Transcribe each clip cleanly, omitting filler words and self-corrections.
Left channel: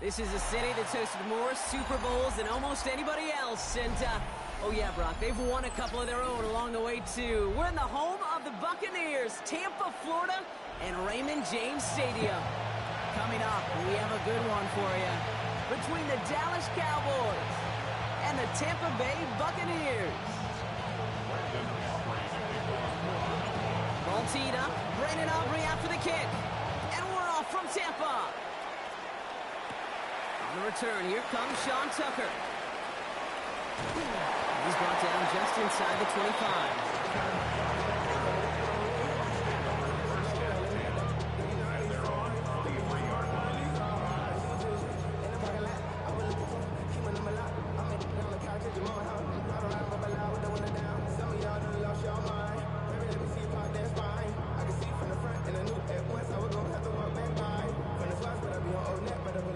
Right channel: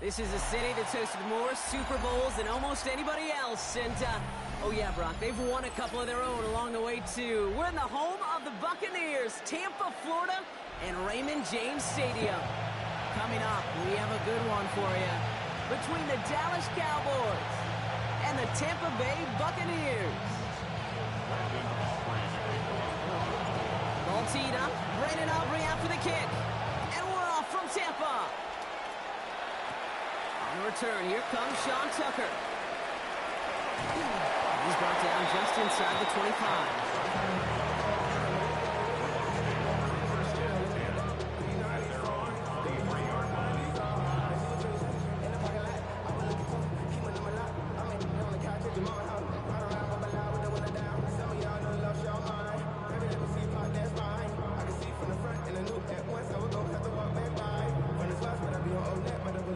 This is a city that's hosted more Super Bowls than almost anybody else. And, oh yeah, Brock, they've won a couple of their own along the way, too. We're in the home of the Buccaneers, Tampa, Florida, and Raymond James Stadium. Coming up, we have a good one for you. Between the Dallas Cowboys and the Tampa Bay Buccaneers. Ball teed up. Brandon Aubrey out for the kick. And we're off from Tampa. On the return, here comes Sean Tucker. He's brought down just inside the 25.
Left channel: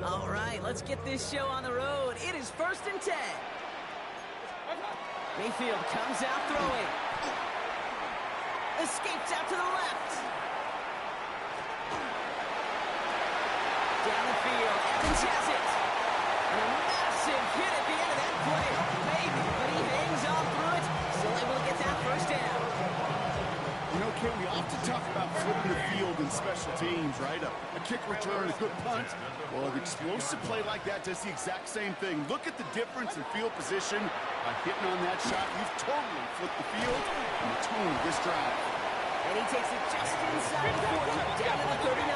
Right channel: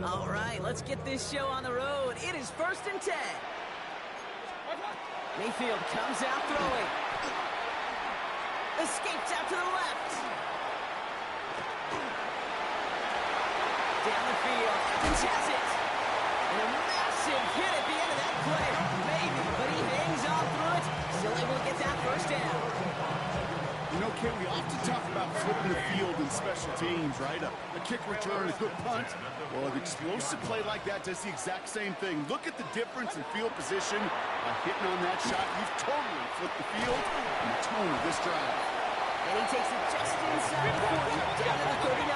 All right, let's get this show on the road. It is 1st and 10. Mayfield comes out throwing. Escapes out to the left. Down the field, Evans has it. And a massive hit at the end of that play. Oh, baby, but he hangs on through it. Still able to get that first down. You know, Ken, we often talk about flipping the field in special teams, right? A kick return, a good punt. Well, an explosive play like that does the exact same thing. Look at the difference in field position. By hitting on that shot, you've totally flipped the field and the tone of this drive. And he takes it just inside the 40, down to the 39.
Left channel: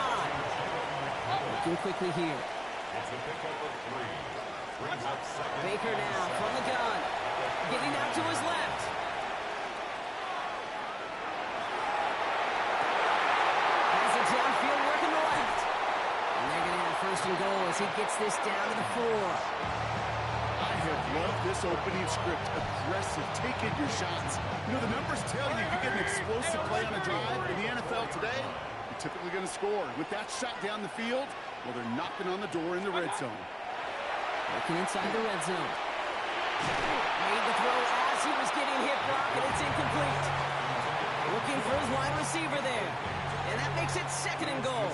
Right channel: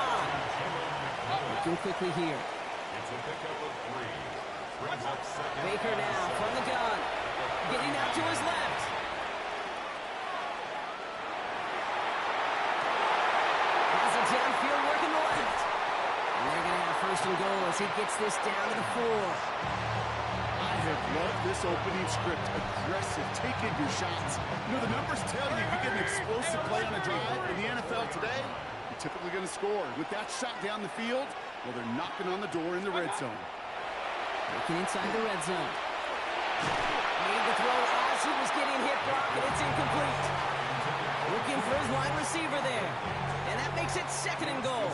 Looking quickly here. It's a pickup of 3. Brings up second. Baker now from the gun. Getting out to his left. Has it downfield working the left. And they're going to have 1st and goal as he gets this down to the 4. I have loved this opening script. Aggressive, taking your shots. You know, the numbers tell you if you get an explosive play on a drive in the NFL today, you're typically going to score. With that shot down the field, well, they're knocking on the door in the red zone. Looking inside the red zone. Made the throw as he was getting hit, Brock, and it's incomplete. Looking for his wide receiver there. And that makes it 2nd and goal.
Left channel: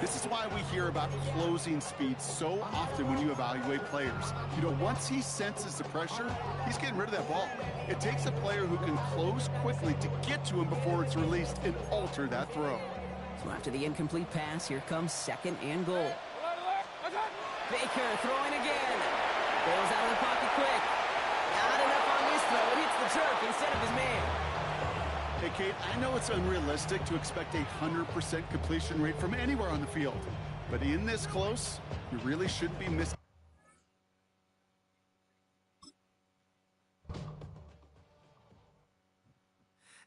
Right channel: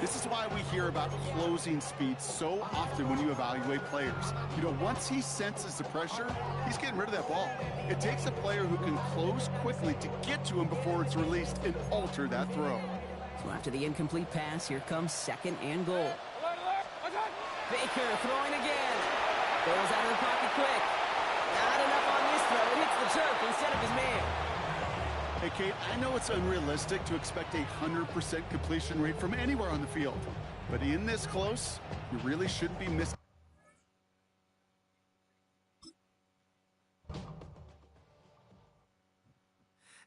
This is why we hear about closing speed so often when you evaluate players. You know, once he senses the pressure, he's getting rid of that ball. It takes a player who can close quickly to get to him before it's released and alter that throw. So after the incomplete pass, here comes 2nd and goal. Baker throwing again. Bails out of the pocket quick. Not enough on this throw. It hits the turf instead of his man. Hey, Kate, I know it's unrealistic to expect a 100% completion rate from anywhere on the field. But in this close, you really shouldn't be missing.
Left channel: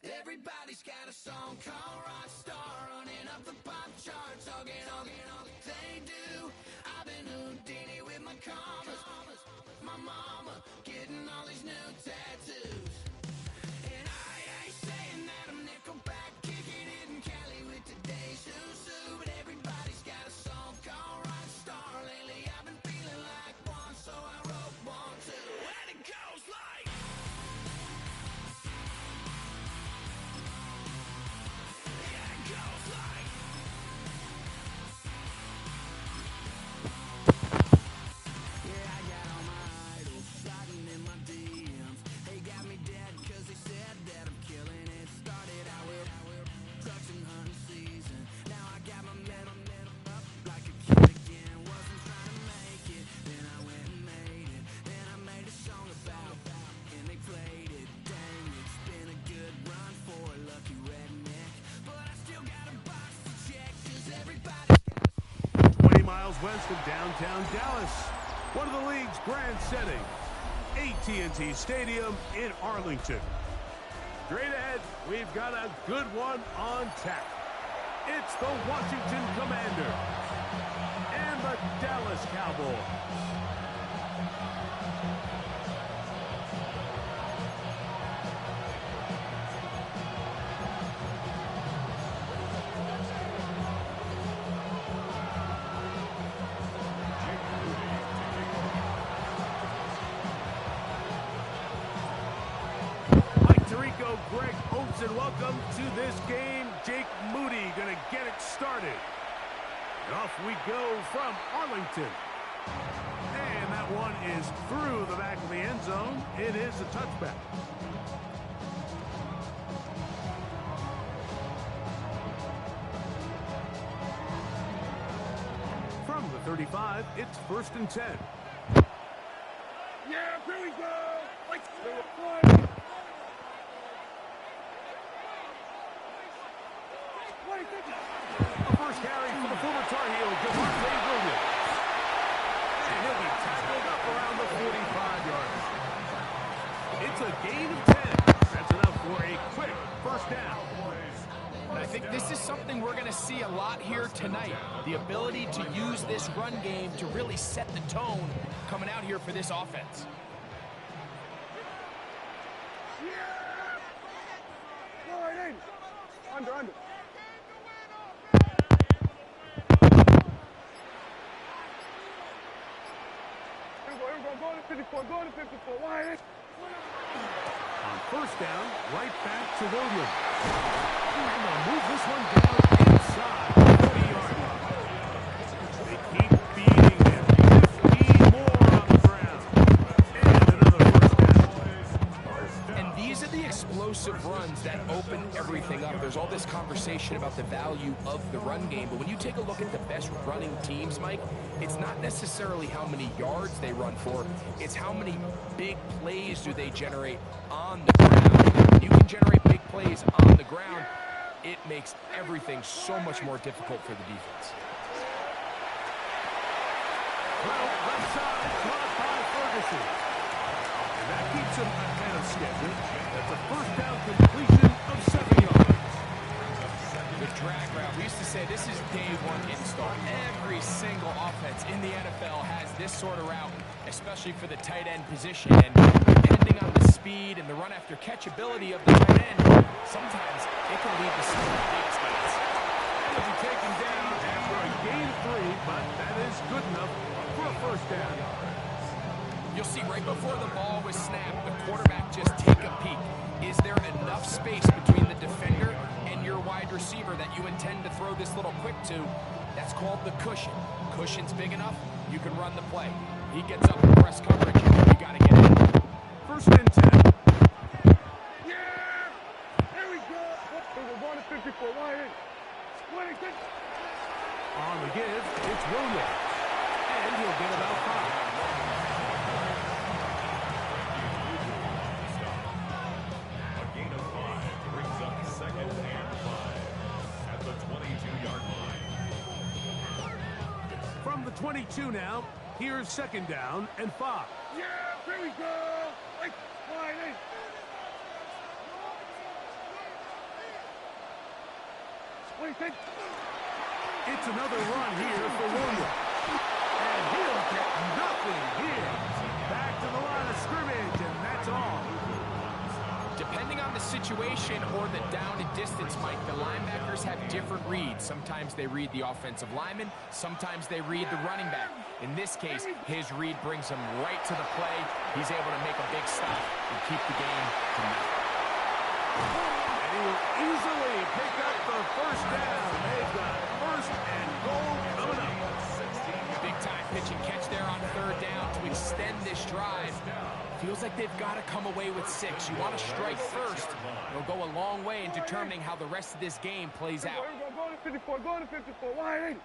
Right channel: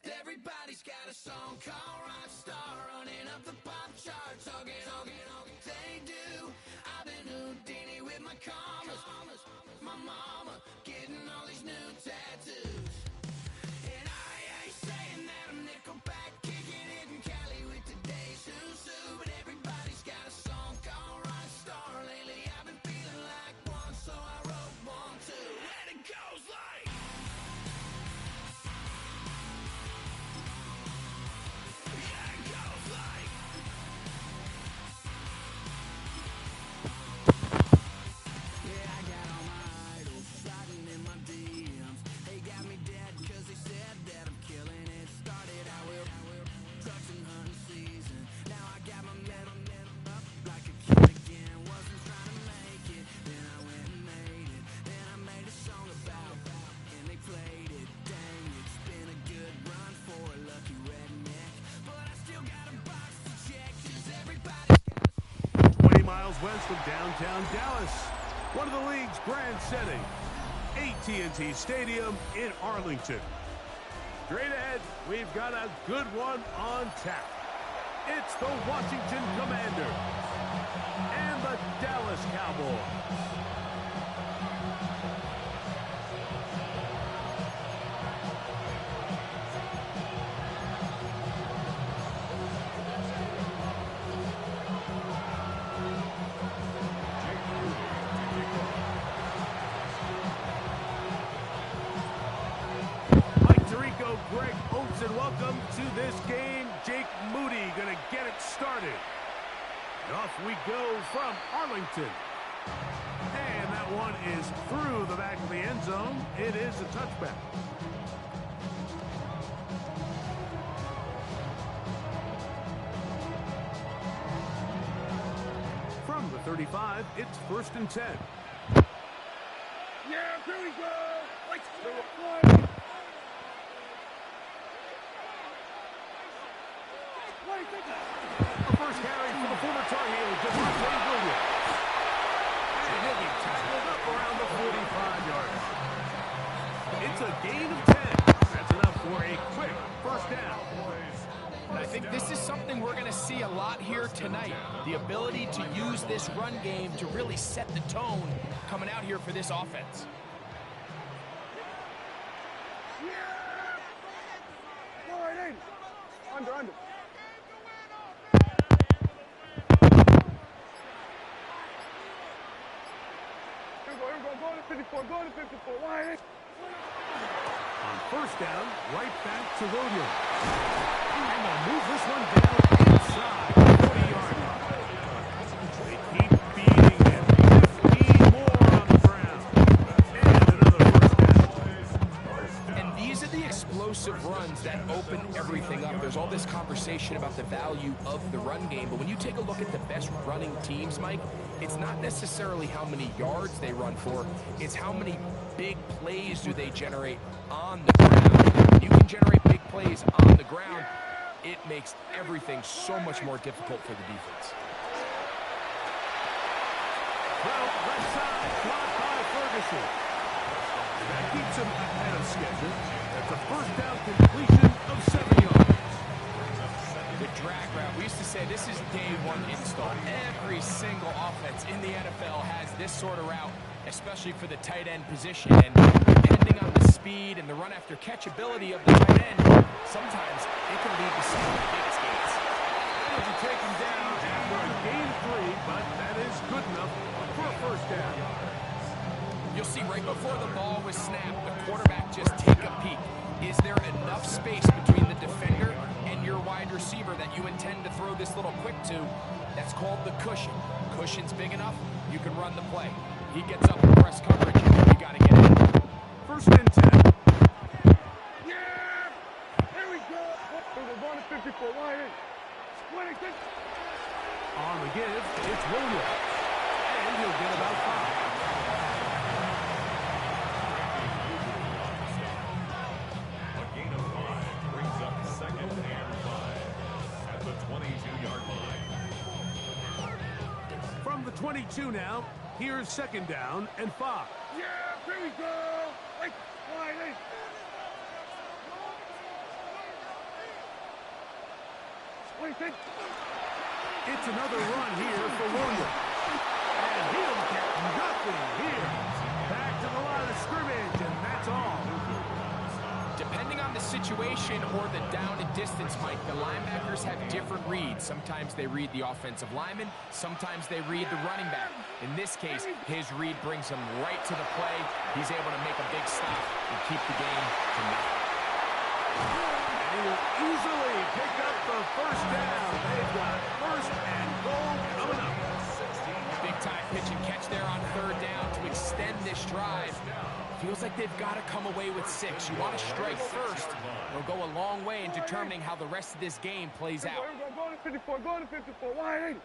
Everybody's got a song called Rockstar, running up the pop charts, all they do. I've been Houdini with my commas, my mama getting all these new tattoos. And I ain't saying that I'm Nickelback, kicking it in Cali with today's Susu, but everybody's got a song called Rockstar. Lately I've been feeling like one, so I wrote one too, and it goes like. West of downtown Dallas, one of the league's grand settings, AT&T Stadium in Arlington. Straight ahead, we've got a good one on tap. It's the Washington Commanders and the Dallas Cowboys. Greg Olsen, welcome to this game. Jake Moody going to get it started. And off we go from Arlington. And that one is through the back of the end zone. It is a touchback. From the 35, it's 1st and 10. Yeah, here we go. Let's do it. A first carry for the former Tar Heel, Javonte Williams. And he'll be tackled up around the 45-yard line. It's a gain of 10. That's enough for a quick first down. And I think this is something we're going to see a lot here tonight. The ability to use this run game to really set the tone coming out here for this offense. Under. Here we go. Go to 54. Go to 54. Wide. On first down, right back to Williams. And they'll move this one down inside the 40-yard line. They keep beating him. 15 more on the ground. And another first down. And these are the explosive runs that open everything up. There's all this conversation about the value of the run game, but when you take a look at the best running teams, Mike, it's not necessarily how many yards they run for, it's how many big plays do they generate on the ground. When you can generate big plays on the ground, it makes everything so much more difficult for the defense. Well, left side, caught by Ferguson. And that keeps him ahead of schedule. That's a first down completion of 7 yards. The drag route. We used to say this is day one install. Every single offense in the NFL has this sort of route, especially for the tight end position. And depending on the speed and the run after catch ability of the tight end, sometimes it can lead to some of the biggest gains. And he'll be taken down after a gain of 3, but that is good enough for a first down. You'll see right before the ball was snapped, the quarterback just take a peek. Is there enough space between the defender and your wide receiver that you intend to throw this little quick to? That's called the cushion. Cushion's big enough, you can run the play. He gets up in press coverage, you got to get in. 1st and 10. Yeah! Here we go. We're going to 54. Wide. On the give, it's Williams. And he'll get about 5. A gain of 5 brings up 2nd and 5 at the 22-yard line. From the 22 now, here's 2nd down and 5. Yeah, here we go. Wide. It's another run here for Williams. And he'll get nothing here. Back to the line of scrimmage, and that's all. Depending on the situation or the down and distance, Mike, the linebackers have different reads. Sometimes they read the offensive lineman, sometimes they read the running back. In this case, his read brings him right to the play. He's able to make a big stop and keep the game to nothing. And he will easily pick up the first down. They've got 1st and goal coming up. Big time pitch and catch there on 3rd down to extend this drive. Feels like they've got to come away with 6. You want to strike first. It'll go a long way in determining how the rest of this game plays out. Go to 54. Go to 54. Wide.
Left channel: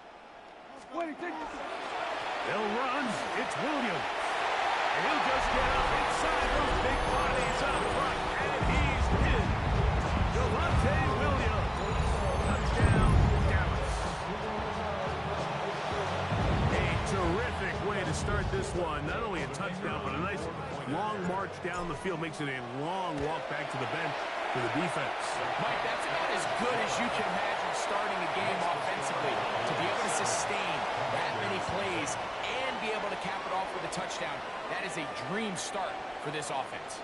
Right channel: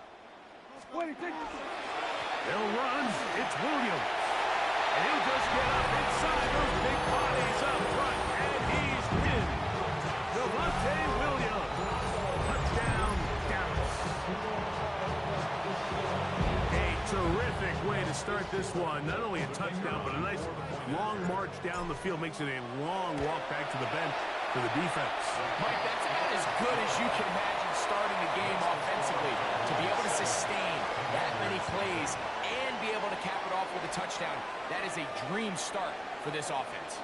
They'll run. It's Williams. And he'll just get up inside those big bodies up front. And he's in. Javonte Williams. Touchdown, Dallas. A terrific way to start this one. Not only a touchdown, but a nice long march down the field. Makes it a long walk back to the bench for the defense. Mike, that's about as good as you can imagine starting a game offensively. To be able to sustain that many plays and be able to cap it off with a touchdown, that is a dream start for this offense.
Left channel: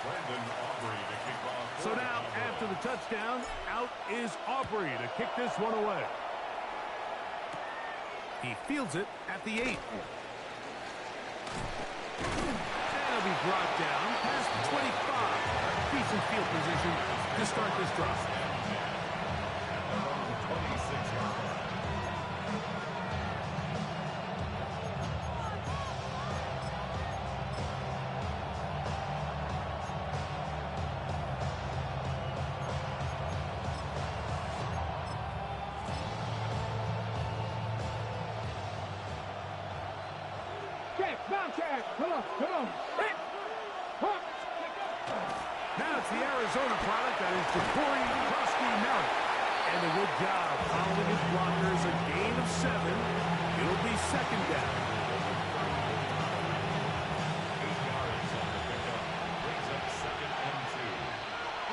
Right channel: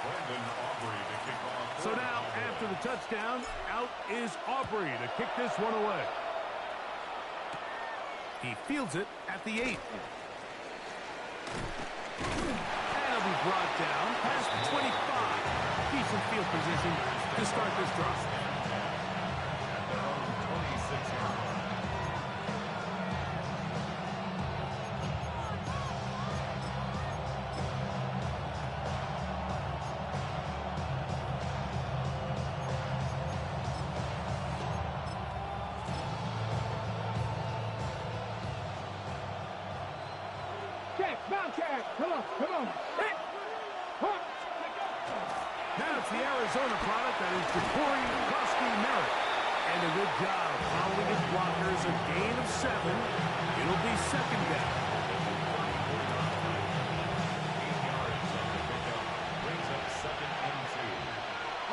Brandon Aubrey to kick off. So now, after the touchdown, out is Aubrey to kick this one away. He fields it at the 8. And he'll be brought down past the 25. Decent field position to start this drive. At their own 26-yard line. Bobcat, come on. Now it's the Arizona product that is Jacory Krosky-Merritt. And a good job following his blockers, a gain of 7. It'll be second down. 8 yards on the pickup. Brings up 2nd and 2.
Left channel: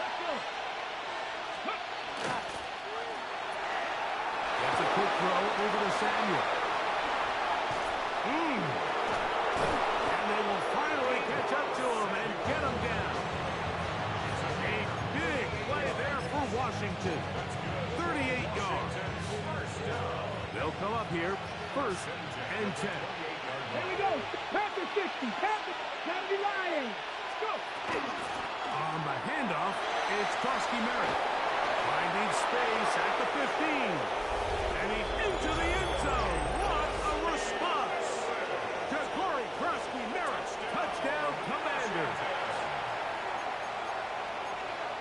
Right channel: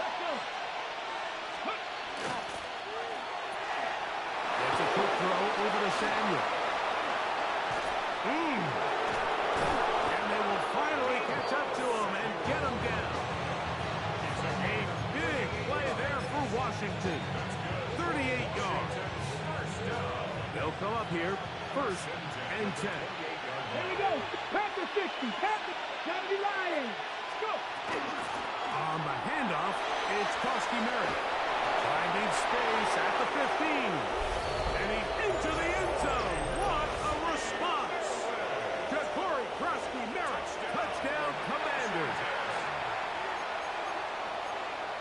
Let's go. Gets a quick throw over to Samuel. And they will finally catch up to him and get him down. It's a big play there for Washington. 38 yards. They'll come up here, 1st and 10. Here we go. Panther 60. Panther. Gotta be lying. Let's go. On the handoff, it's Krosky-Merritt. Finding space at the 15. And he's into the end zone. What a response. Jacory Krosky-Merritt, touchdown Commanders.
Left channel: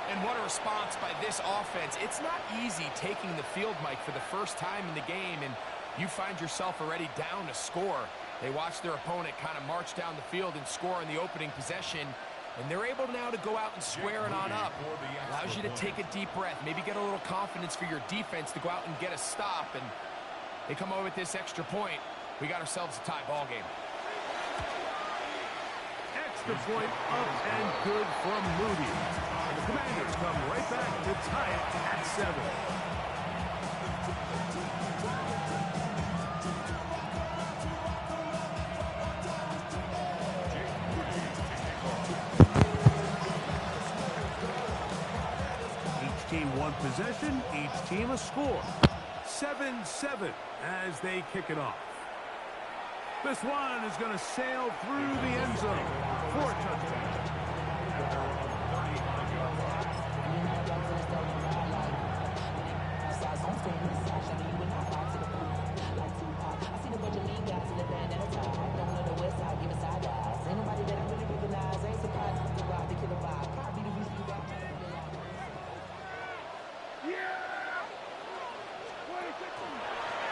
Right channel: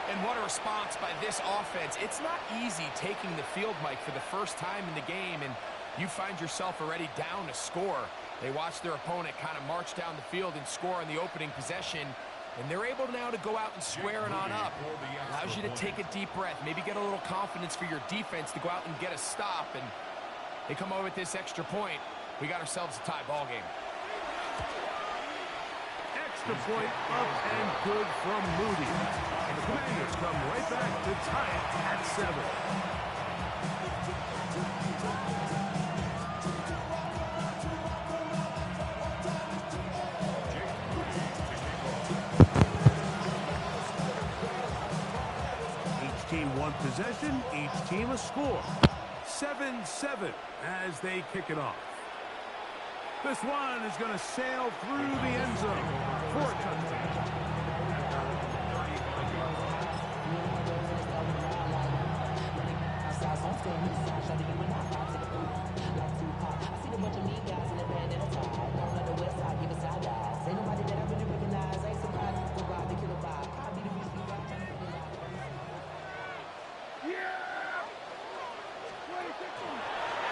And what a response by this offense. It's not easy taking the field, Mike, for the first time in the game, and you find yourself already down to score. They watch their opponent kind of march down the field and score in the opening possession, and they're able now to go out and square it on up. Allows you to take a deep breath, maybe get a little confidence for your defense to go out and get a stop, and they come over with this extra point. We got ourselves a tie ball game. Extra point up and good from Moody. And the Commanders come right back to tie it at 7. Each team one possession, each team a score. 7-7 as they kick it off. This one is going to sail through the end zone for a touchdown.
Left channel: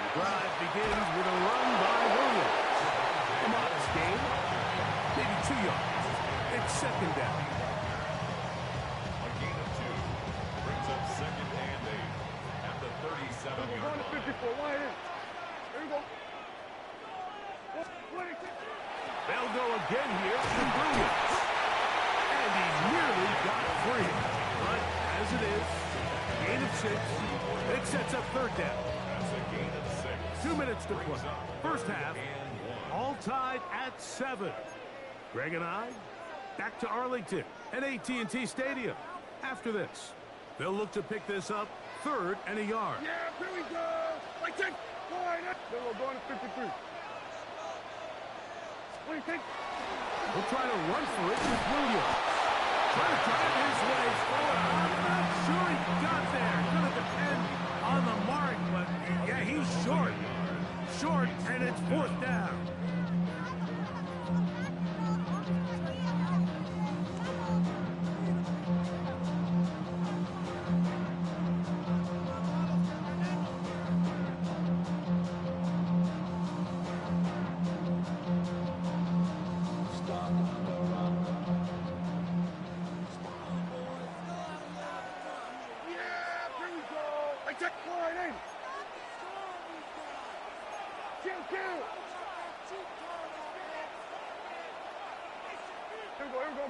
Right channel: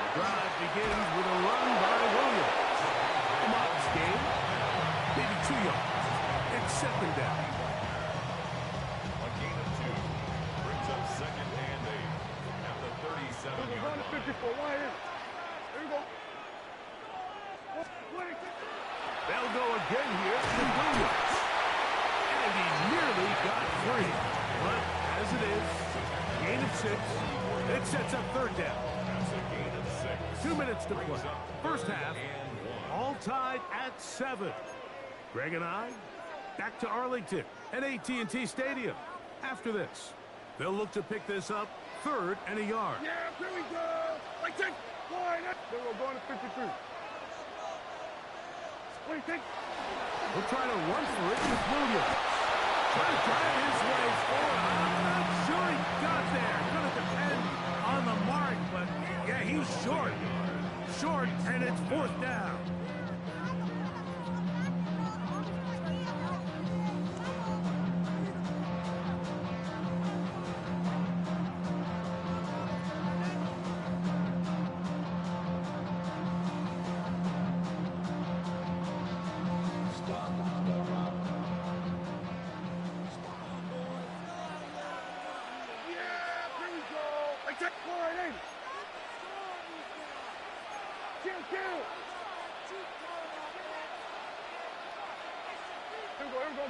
The drive begins with a run by Williams. A modest gain, maybe 2 yards. It's second down. A gain of 2 brings up 2nd and 8 at the 37-yard line. 54. Why here? Here we go. They'll go again here to Williams. And he nearly got free. But as it is, gain of 6. It sets up third down. That's a gain of 6. 2 minutes to play. First half, all tied at 7. Greg and I, back to Arlington at AT&T Stadium. After this, they'll look to pick this up 3rd and a yard. Yeah, here we go. Like that. Then we're going to 53. What do you think? We'll try to run for it with Williams. Trying to drive his way forward. I'm not sure he got there. Going to depend on the mark, but yeah, he's short. Short, and it's 4th down.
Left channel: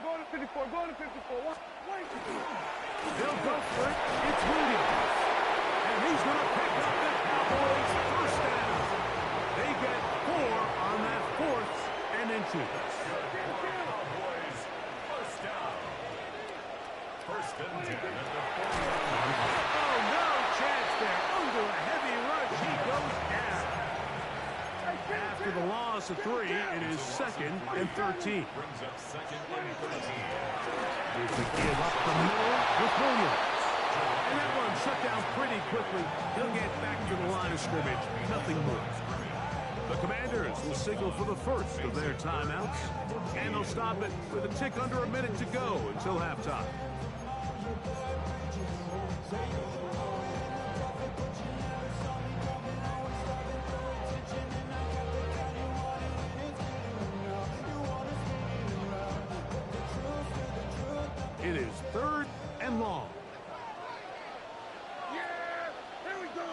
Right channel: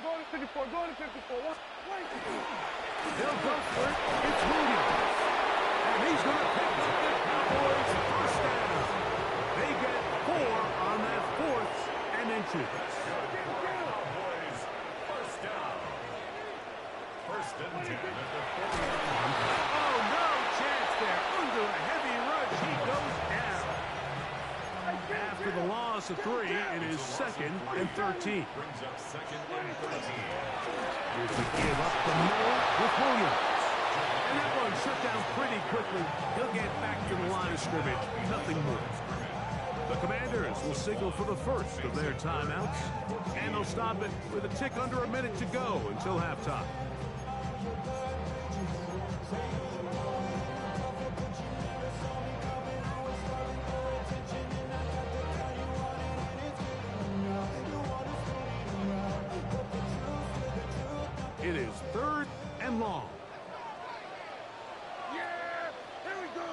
Go to 54. Go to 54. What? Wait. They'll go for it. It's Williams. And he's going to pick up the Cowboys' first down. They get 4 on that 4th and inches. Cowboys first down. 1st and 10 at the 40-yard line. Oh, no chance there. Under a heavy rush, he goes down. After the loss of 3, it is 2nd and 13. Brings up 2nd and 13. Here's the give up the middle with Williams. And that one shut down pretty quickly. He'll get back to the line of scrimmage. Nothing more. The Commanders will signal for the first of their timeouts. And they'll stop it with a tick under a minute to go until halftime. It is 3rd and long. Yeah! Here we go!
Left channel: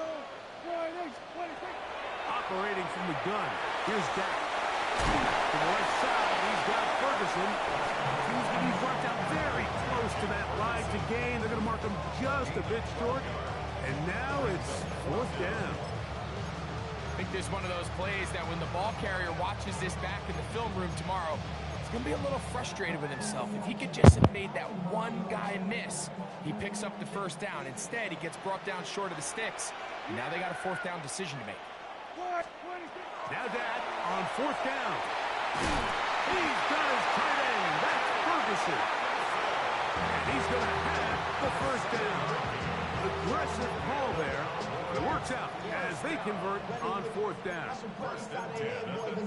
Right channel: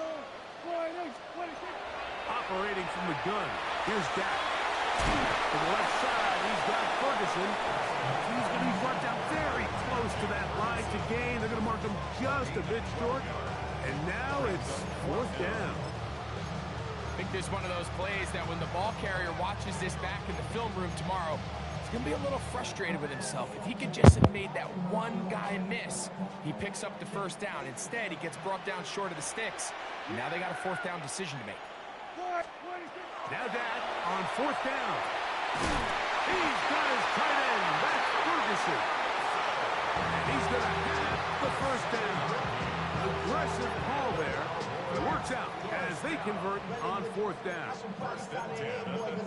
Operating from the gun, here's Dak. To the left side, he's got Ferguson. He's going to be brought down very close to that line to gain. They're going to mark him just a bit short. And now it's 4th down. I think this is one of those plays that when the ball carrier watches this back in the film room tomorrow, he's going to be a little frustrated with himself. If he could just have made that one guy miss, he picks up the 1st down. Instead, he gets brought down short of the sticks. And now they got a 4th down decision to make. Now Dak on 4th down. He's got his tight end. That's Ferguson. And he's going to have the 1st down. Aggressive call there. It works out as they convert on 4th down.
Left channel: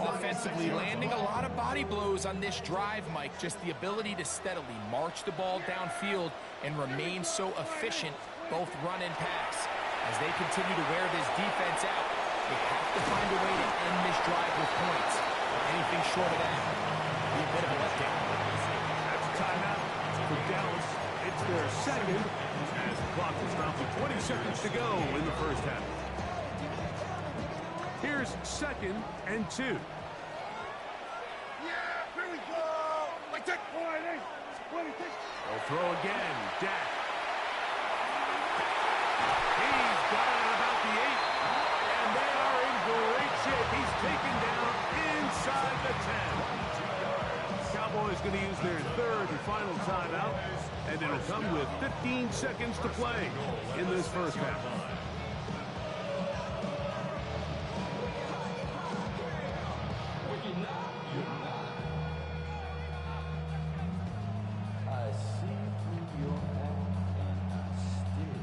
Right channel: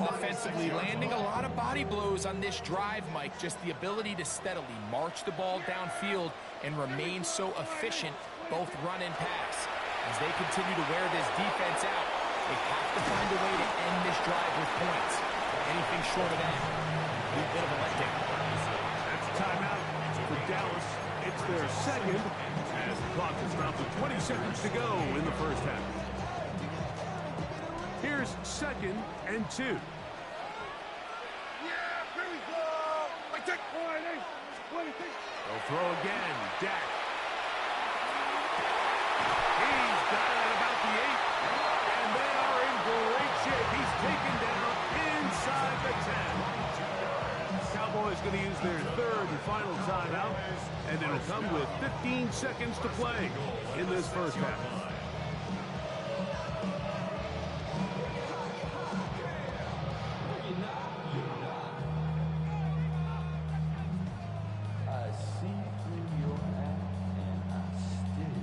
Offensively, landing a lot of body blows on this drive, Mike. Just the ability to steadily march the ball downfield and remain so efficient, both run and pass. As they continue to wear this defense out, they have to find a way to end this drive with points. Anything short of that will be a bit of a letdown. That's a timeout for Dallas. It's their 2nd as the clock will stop with 20 seconds to go in the 1st half. Here's 2nd and 2. Yeah, here we go! They'll throw again. Dak. He's got it at about the 8. And they are in great shape. He's taken down inside the 10. Cowboys going to use their 3rd and final timeout. And it'll come with 15 seconds to play in this 1st half. I see through your act and I still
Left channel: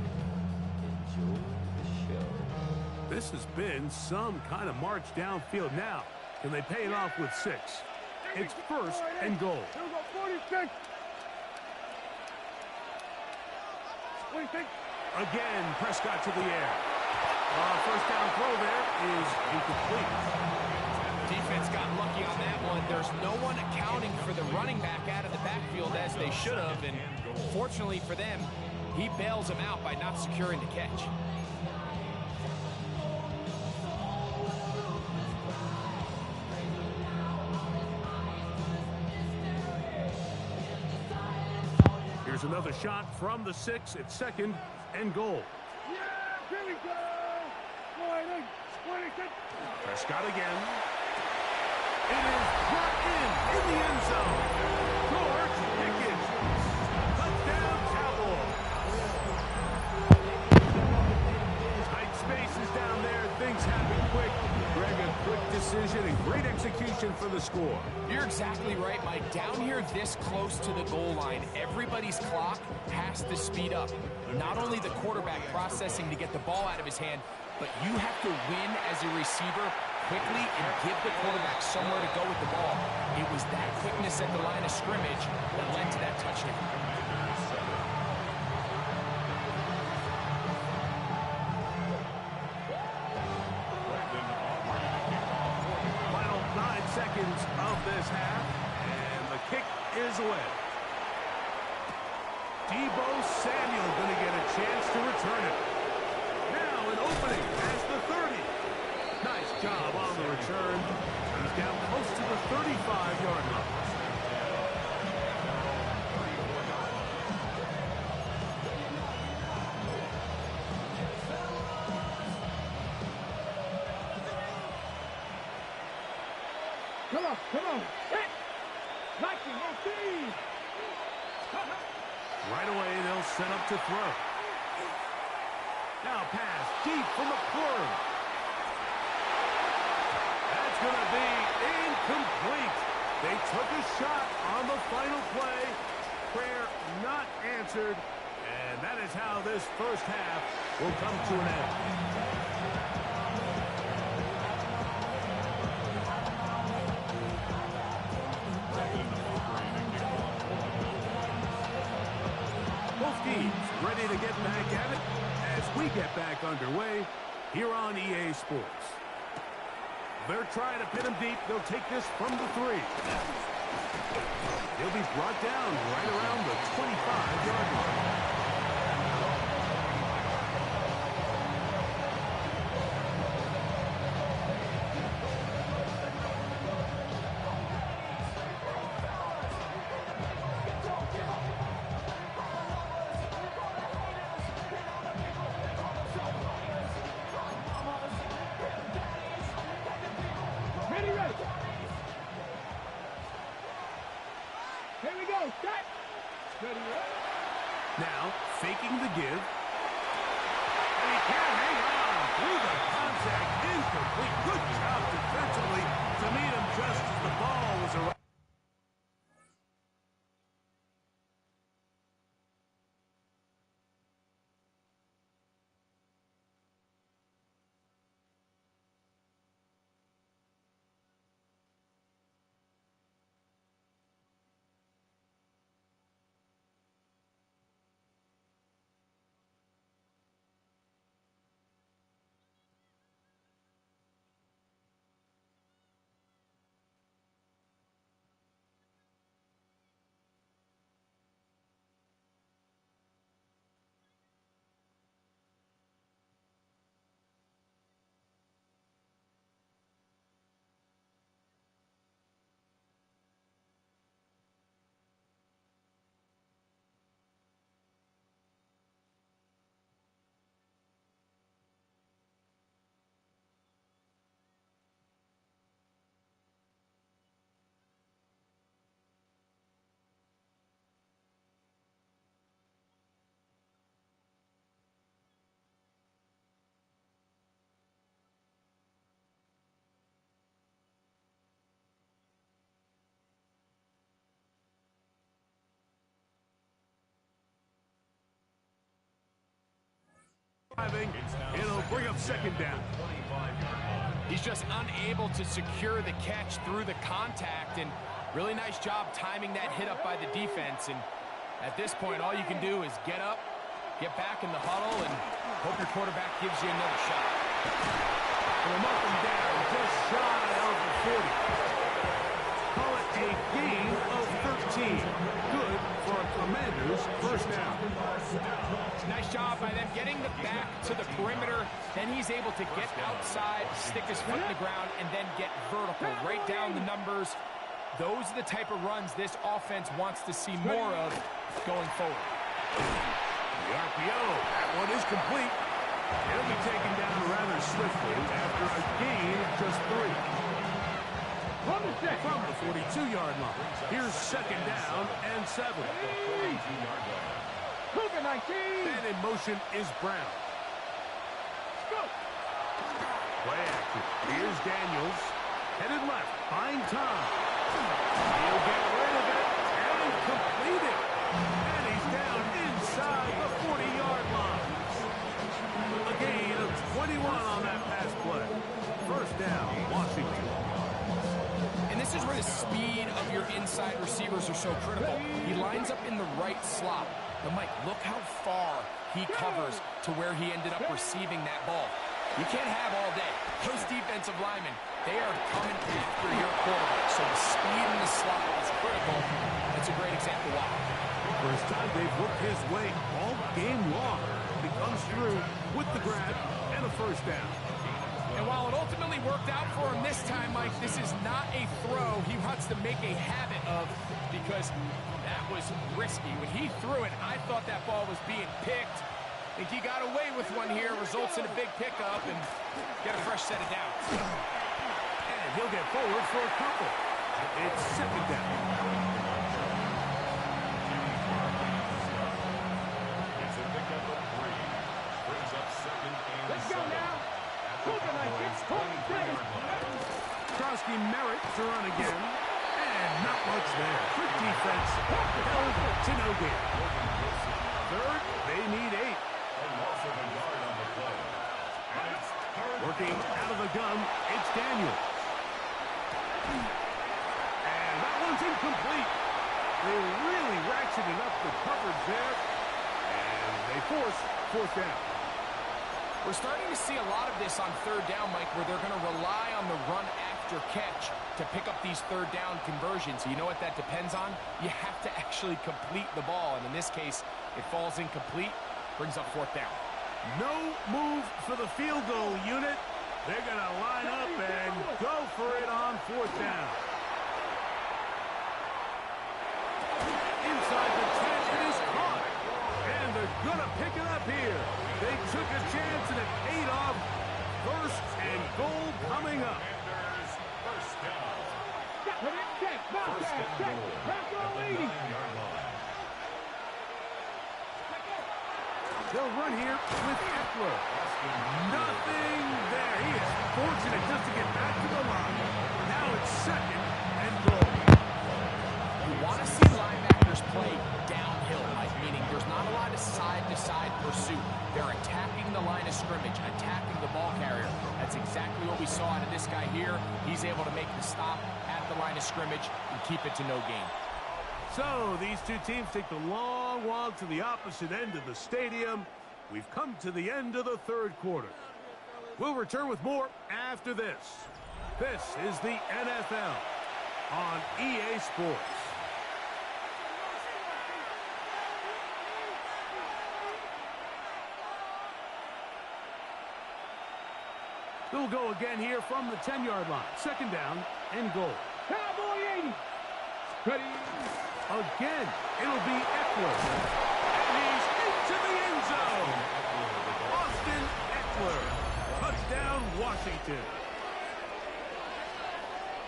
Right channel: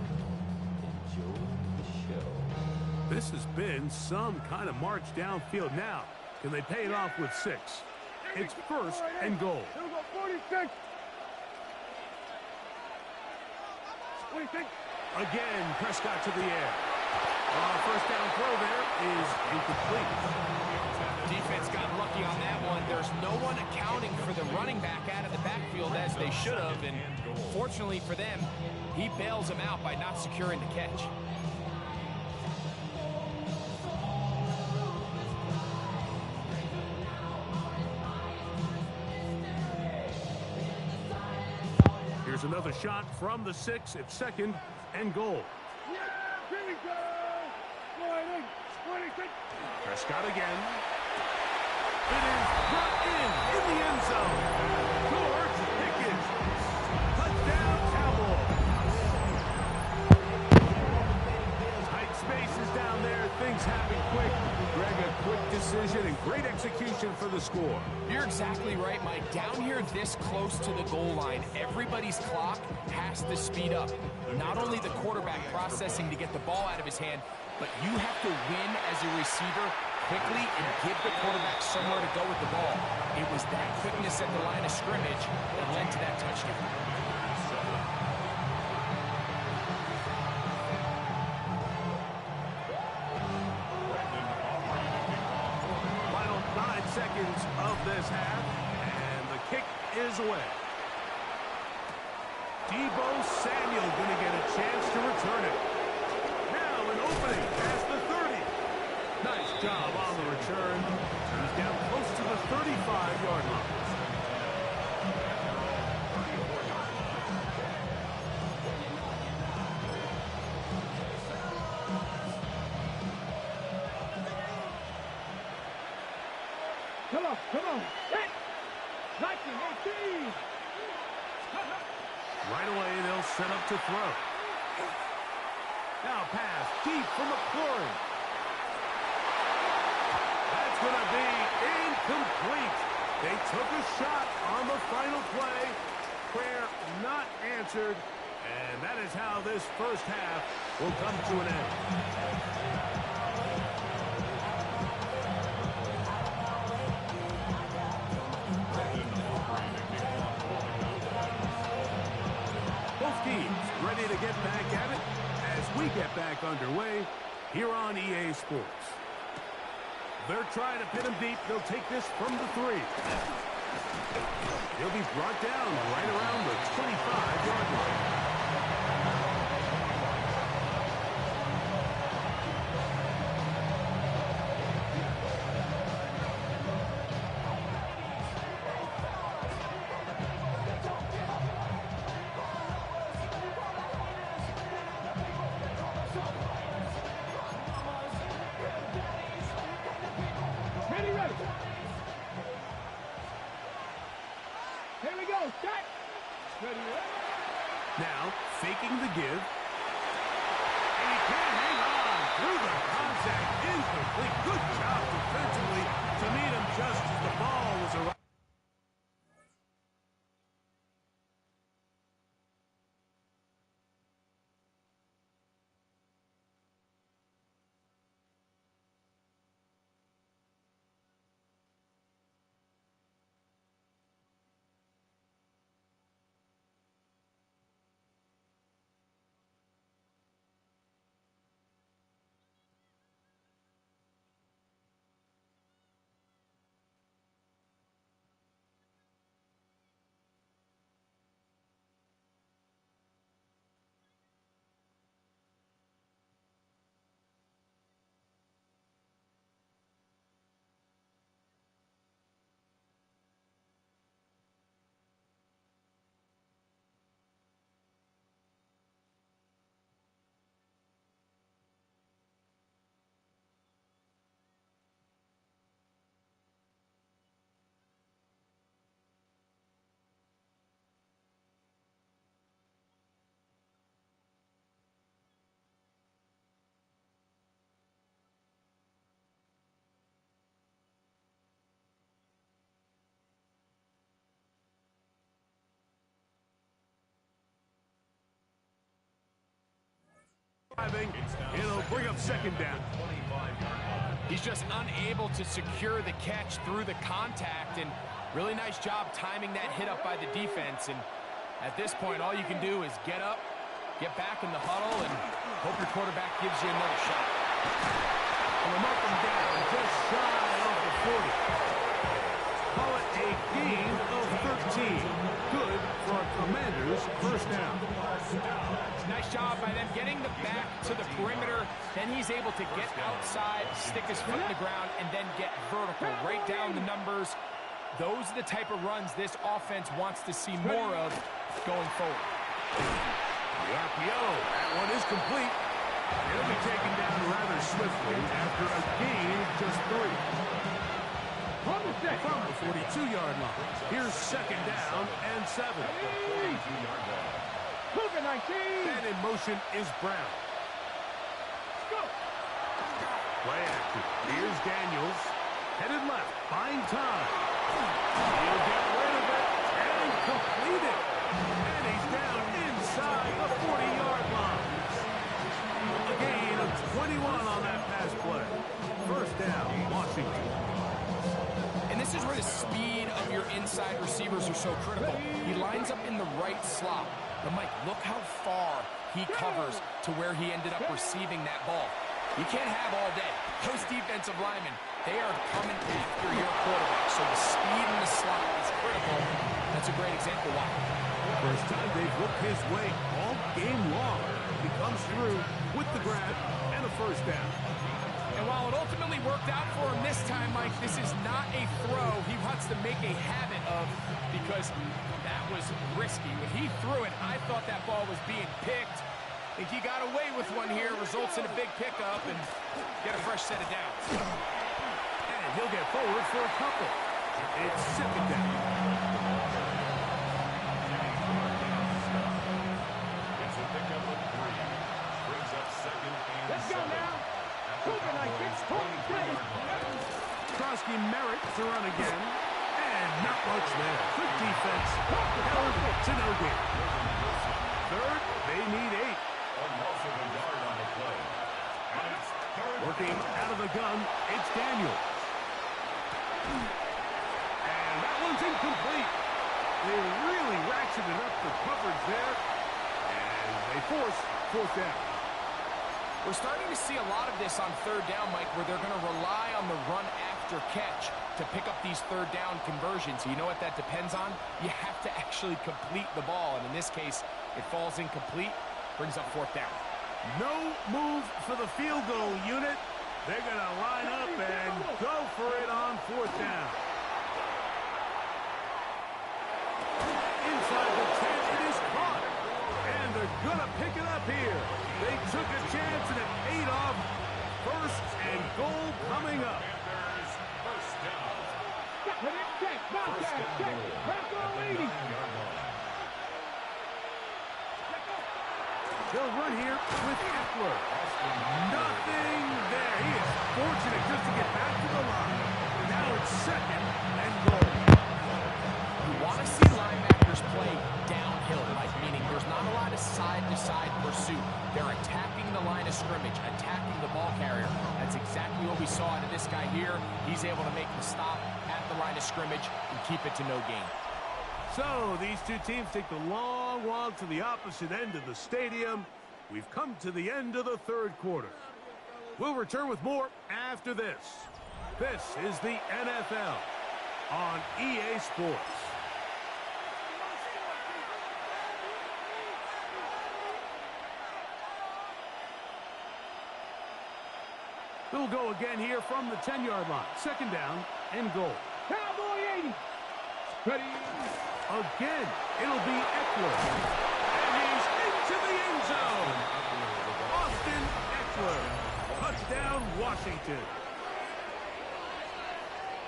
enjoy the show. This has been some kind of march downfield. Now, can they pay it off with 6? It's 1st and goal. Here we go, 46. 46. Again, Prescott to the air. 1st down throw there is incomplete. Defense got lucky on that one. There's no one accounting for the running back out of the backfield as they should have. And fortunately for them, he bails him out by not securing the catch. Here's another shot from the 6 at 2nd and goal. Yeah, here we go! 26. Prescott again. It is brought in the end zone. George Pickens. Touchdown, Cowboys. Tight spaces down there. Things happen quick. Greg, a quick decision and great execution for the score. You're exactly right, Mike. Down here this close to the goal line, everybody's clock has to speed up. Not only the quarterback processing to get the ball out of his hand, but you have to win as a receiver quickly and give the quarterback somewhere to go with the ball. It was that quickness at the line of scrimmage that led to that touchdown. Final 9 seconds of this half, and the kick is away. Deebo Samuel going to get a chance to return it. Now an opening past the 30. Nice job on the return. He's down close to the 35-yard line. Come on. Hit! 19, 18. Right away, they'll set up to throw. Now pass deep for McLaurin. going to be incomplete. They took a shot on the final play. Prayer not answered. And that is how this first half will come to an end. Both teams ready to get back at it as we get back underway here on EA Sports. They're trying to pin him deep. They'll take this from the 3. He'll be brought down right around the 25-yard line. Here we go. Start. Ready. Now, faking the give. And he can't hang on through the contact. Incomplete. Good job defensively to meet him just as the ball was arriving. It'll bring up second down. He's just unable to secure the catch through the contact, and really nice job timing that hit up by the defense. And at this point, all you can do is get up, get back in the huddle, and hope your quarterback gives you another shot. And we'll mark him down just shy of the 40. Call it a gain of 13. Good for a Commanders first down. Nice job by them getting the back to the perimeter. Then he's able to get outside, stick his foot in the ground, and then get vertical. Right down the numbers. Those are the type of runs this offense wants to see more of going forward. The RPO, that one is complete. It'll be taken down rather swiftly after a gain of just 3. From the 42-yard line. Here's second down and 7. Cougar 19. And in motion is Brown. Go. Play action. Here's Daniels. Headed left. Buying time. He'll get rid of it and complete it. And he's down inside the 40-yard line. A gain of 21 on that pass play. First down, Washington. And this is where the speed of your inside receivers are so critical. He lines up in the right slot. But, Mike, look how far he covers to where he ended up receiving that ball. You can't have all day. Those defensive linemen, they are coming after your quarterback. So the speed in the slot is critical. That's a great example why. First time they've worked his way all game long. He comes through with the grab and a first down. And while it ultimately worked out for him this time, Mike, this is not a throw he wants to make a habit of, because that was risky. When he threw it, I thought that ball was being picked. I think he got away with one here, results in a big pickup, and get a fresh set of downs. And he'll get forward for a couple. It's second down. It's a pickup of 3. Brings up second and Let's go 7. now. Cougar 19. Ostrowski merits to run again. And not much there. Good defense. Held to no gain. Third, they need 8. Working out of the gun, it's Daniels. And that one's incomplete. They really ratcheted up the coverage there. And they force 4th down. We're starting to see a lot of this on 3rd down, Mike, where they're going to rely on the run after catch to pick up these 3rd down conversions. You know what that depends on? You have to actually complete the ball, and in this case, it falls incomplete, brings up 4th down. No move for the field goal unit. They're going to line up and go for it on 4th down. Inside the 10, it is caught. And they're going to pick it up here. They took a chance and it paid off. 1st and goal coming up. They'll run here with Eckler. Nothing there. He is fortunate just to get back to the line. Now it's 2nd and goal. You want to see linebackers play downhill, Mike, meaning there's not a lot of side-to-side pursuit. They're attacking the line of scrimmage, attacking the ball carrier. That's exactly what we saw out of this guy here. He's able to make the stop at the line of scrimmage and keep it to no gain. So these two teams take the long walk to the opposite end of the stadium. We've come to the end of the 3rd quarter. We'll return with more after this. This is the NFL on EA Sports. They'll go again here from the 10-yard line. 2nd down and goal. Cowboy 80. Ready. Again, it'll be Eckler. And he's into the end zone. Austin Eckler. Touchdown, Washington.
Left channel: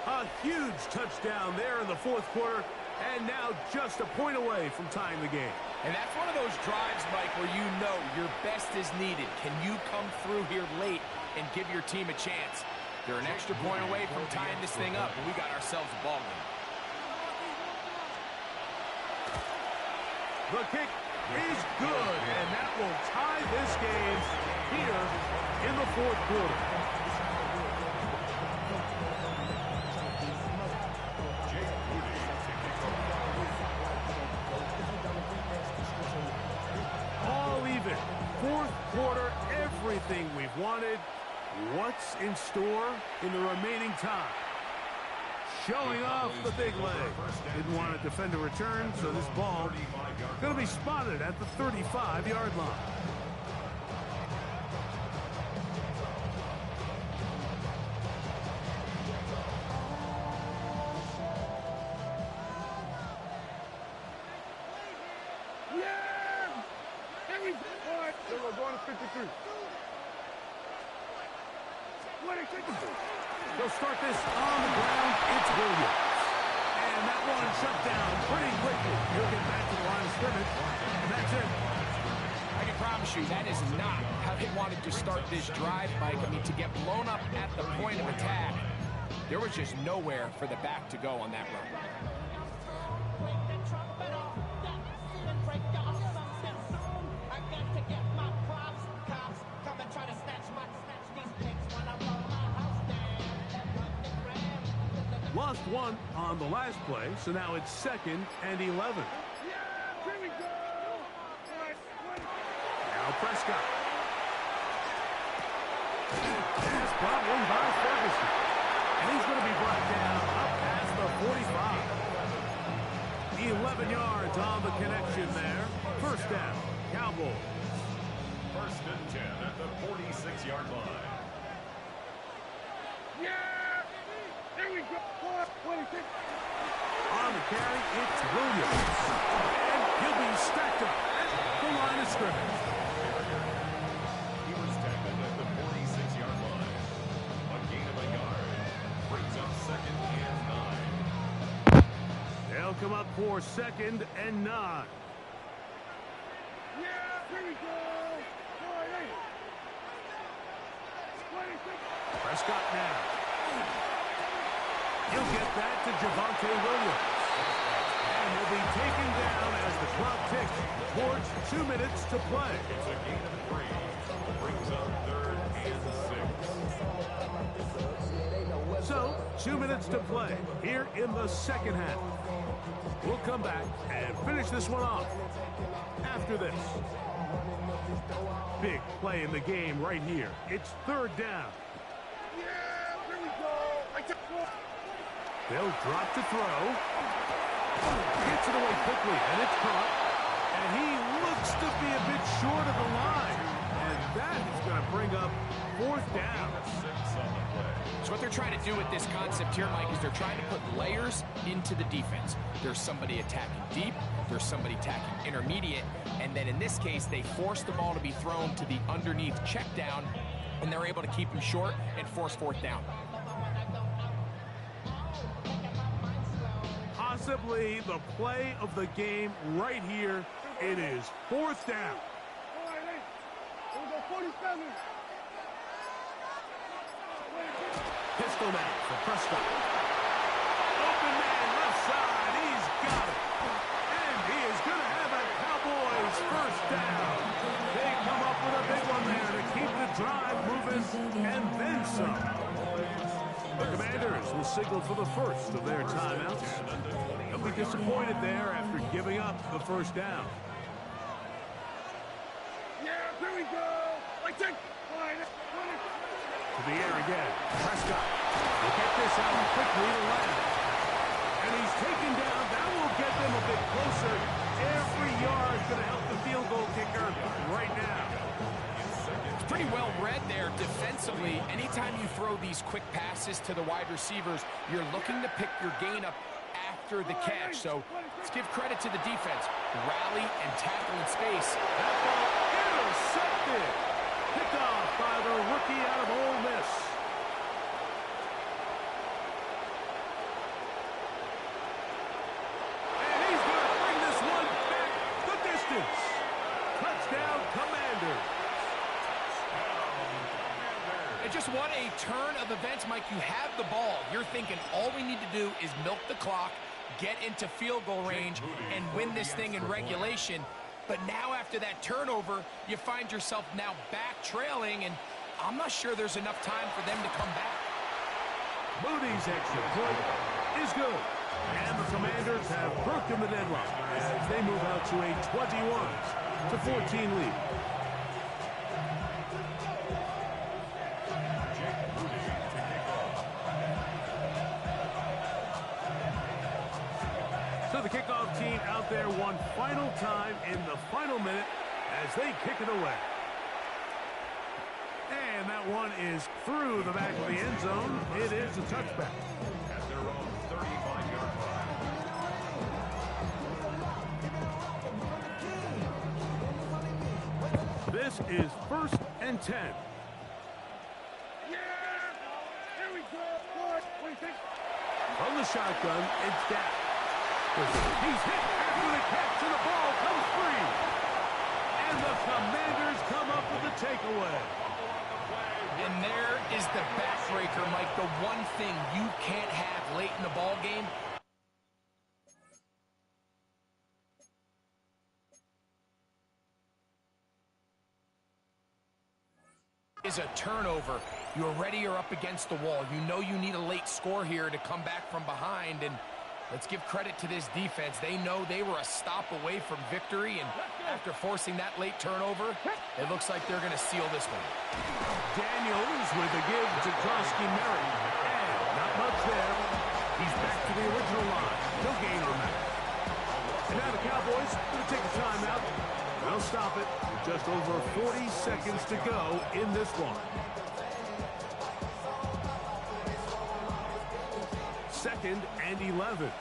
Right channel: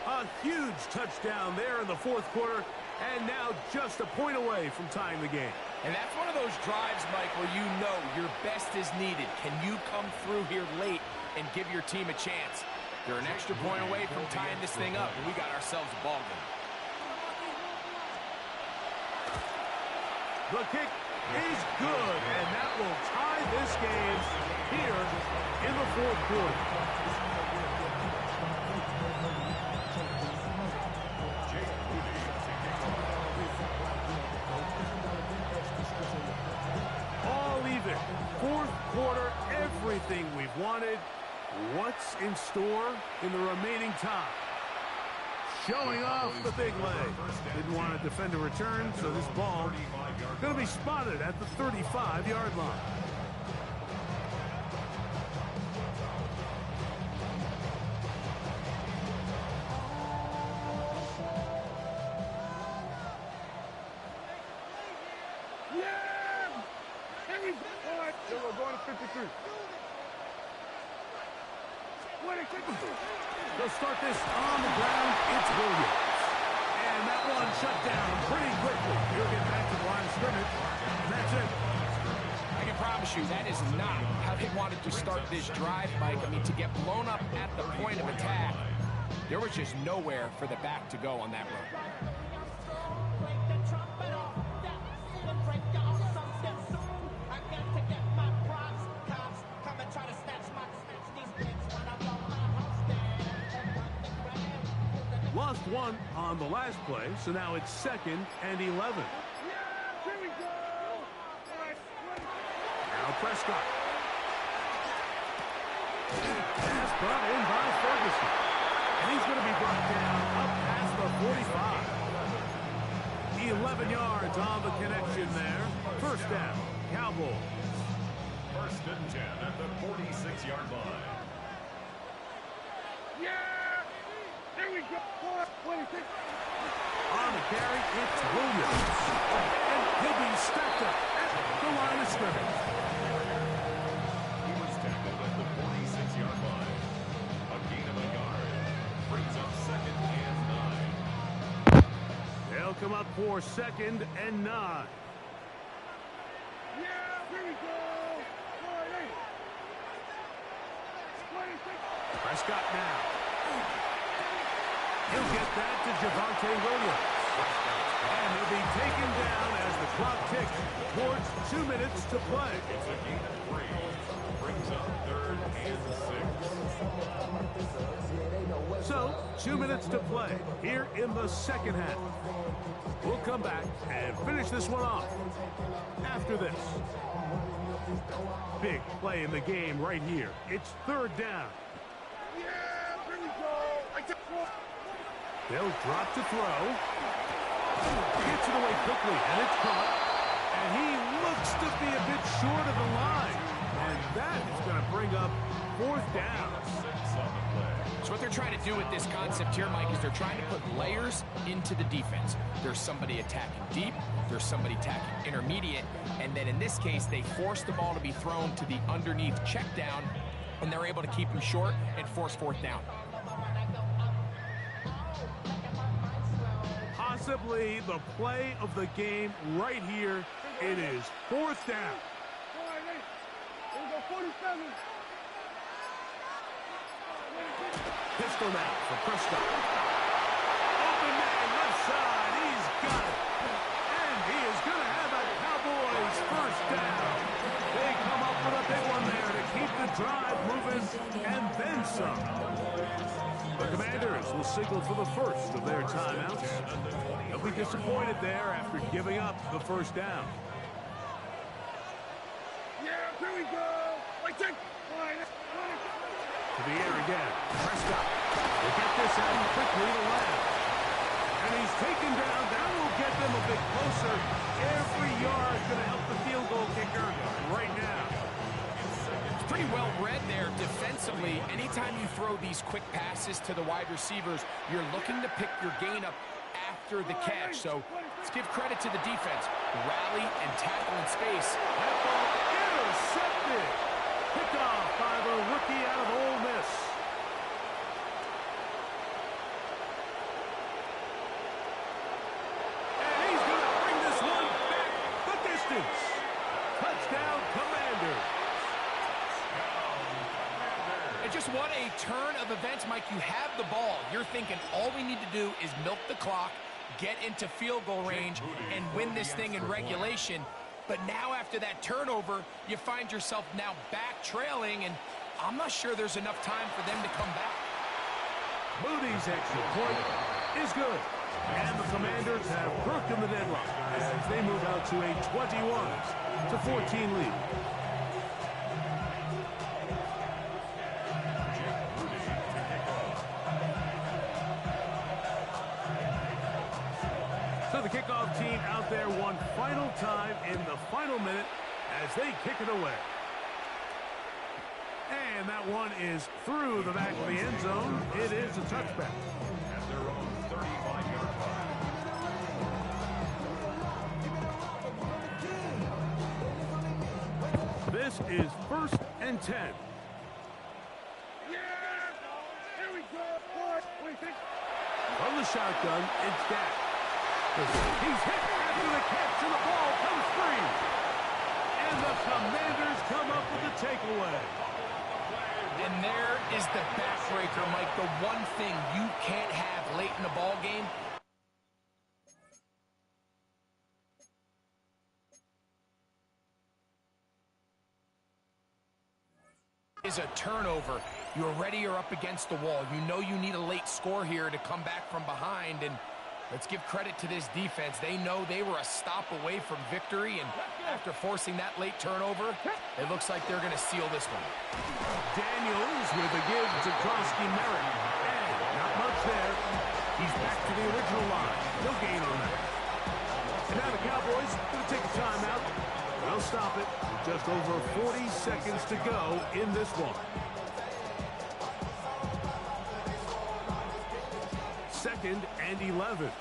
A huge touchdown there in the 4th quarter. And now just a point away from tying the game. And that's one of those drives, Mike, where you know your best is needed. Can you come through here late and give your team a chance? They're an extra point away from tying this thing up, and we got ourselves a ball game. The kick is good, and that will tie this game here in the 4th quarter. All even. 4th quarter, everything we've wanted. What's in store in the remaining time? Showing off the big leg. Didn't want to defend a return, so this ball going to be spotted at the 35-yard line. Yeah! Henry, all right, so we're going to 53. What are you thinking? They'll start this on the ground. It's Williams. And that one shut down pretty quickly. He'll get back to the line of scrimmage. And that's it. I can promise you that is not how they wanted to start this drive, Mike. I mean, to get blown up at the point of attack, there was just nowhere for the back to go on that run. Lost one on the last play, so now it's 2nd and 11. Yeah, here we go. Now Prescott. Pass brought in by Ferguson. And he's going to be brought down up past the 45. 11 yards on the connection there. 1st down, Cowboys. 1st and 10 at the 46-yard line. Yeah! Here we go. What do you think? On the carry, it's Williams. And he'll be stacked up at the line of scrimmage. He was tackled at the 46-yard line. A gain of a yard. Brings up 2nd and 9. They'll come up for 2nd and 9. Yeah, here we go. All right, what do you think? Prescott now. He'll get that to Javonte Williams. And he'll be taken down as the clock ticks towards 2 minutes to play. It's a gain of 3. Brings up 3rd and 6. So, 2 minutes to play here in the second half. We'll come back and finish this one off after this. Big play in the game right here. It's 3rd down. Yeah, here we go. They'll drop to throw. Gets it away quickly, and it's caught. And he looks to be a bit short of the line. And that is going to bring up 4th down. 6 on the play. So what they're trying to do with this concept here, Mike, is they're trying to put layers into the defense. There's somebody attacking deep, there's somebody attacking intermediate, and then in this case, they force the ball to be thrown to the underneath check down, and they're able to keep him short and force 4th down. Possibly the play of the game right here. It is 4th down. All right, hey. Here we go, 47. Pistol now for Prescott. Open man left side. He's got it. And he is going to have a Cowboys 1st down. They come up with a big one there to keep the drive moving and then some. The Commanders will signal for the first of their timeouts. They'll be disappointed there after giving up the 1st down. Yeah, here we go. Like that. All right, To the air again. Prescott will get this out quickly to Lamb. And he's taken down. That will get them a bit closer. Every yard going to help the field goal kicker right now. It's pretty well read there defensively. Anytime you throw these quick passes to the wide receivers, you're looking to pick your gain up after the catch. So let's give credit to the defense. Rally and tackle in space. That ball intercepted. Picked off by the rookie out of Ole Miss. And he's going to bring this one back the distance. Touchdown, Commanders. And just what a turn of events, Mike. You have the ball. You're thinking all we need to do is milk the clock, get into field goal range, and win this thing in regulation. But now after that turnover, you find yourself now back trailing, and I'm not sure there's enough time for them to come back. Moody's extra point is good. And the Commanders have broken the deadlock as they move out to a 21-14 lead. So the kickoff team out there one final time in the final minute as they kick it away. And that one is through the back of the end zone. It is a touchback. At their own 35-yard line. This is 1st and 10. Yeah, here we go. What do you think? From the shotgun, it's Dak. He's hit after the catch, and the ball comes free. And the Commanders come up with the takeaway. And there is the backbreaker, Mike. The one thing you can't have late in the ball game is a turnover. You're ready, you're up against the wall. You know you need a late score here to come back from behind, and let's give credit to this defense. They know they were a stop away from victory, and after forcing that late turnover, it looks like they're going to seal this one. Daniels with a give to Krosky Merrick. And not much there. He's back to the original line. No gain on that. And now the Cowboys going to take a timeout. They'll stop it with just over 40 seconds to go in this one. 2nd and 11.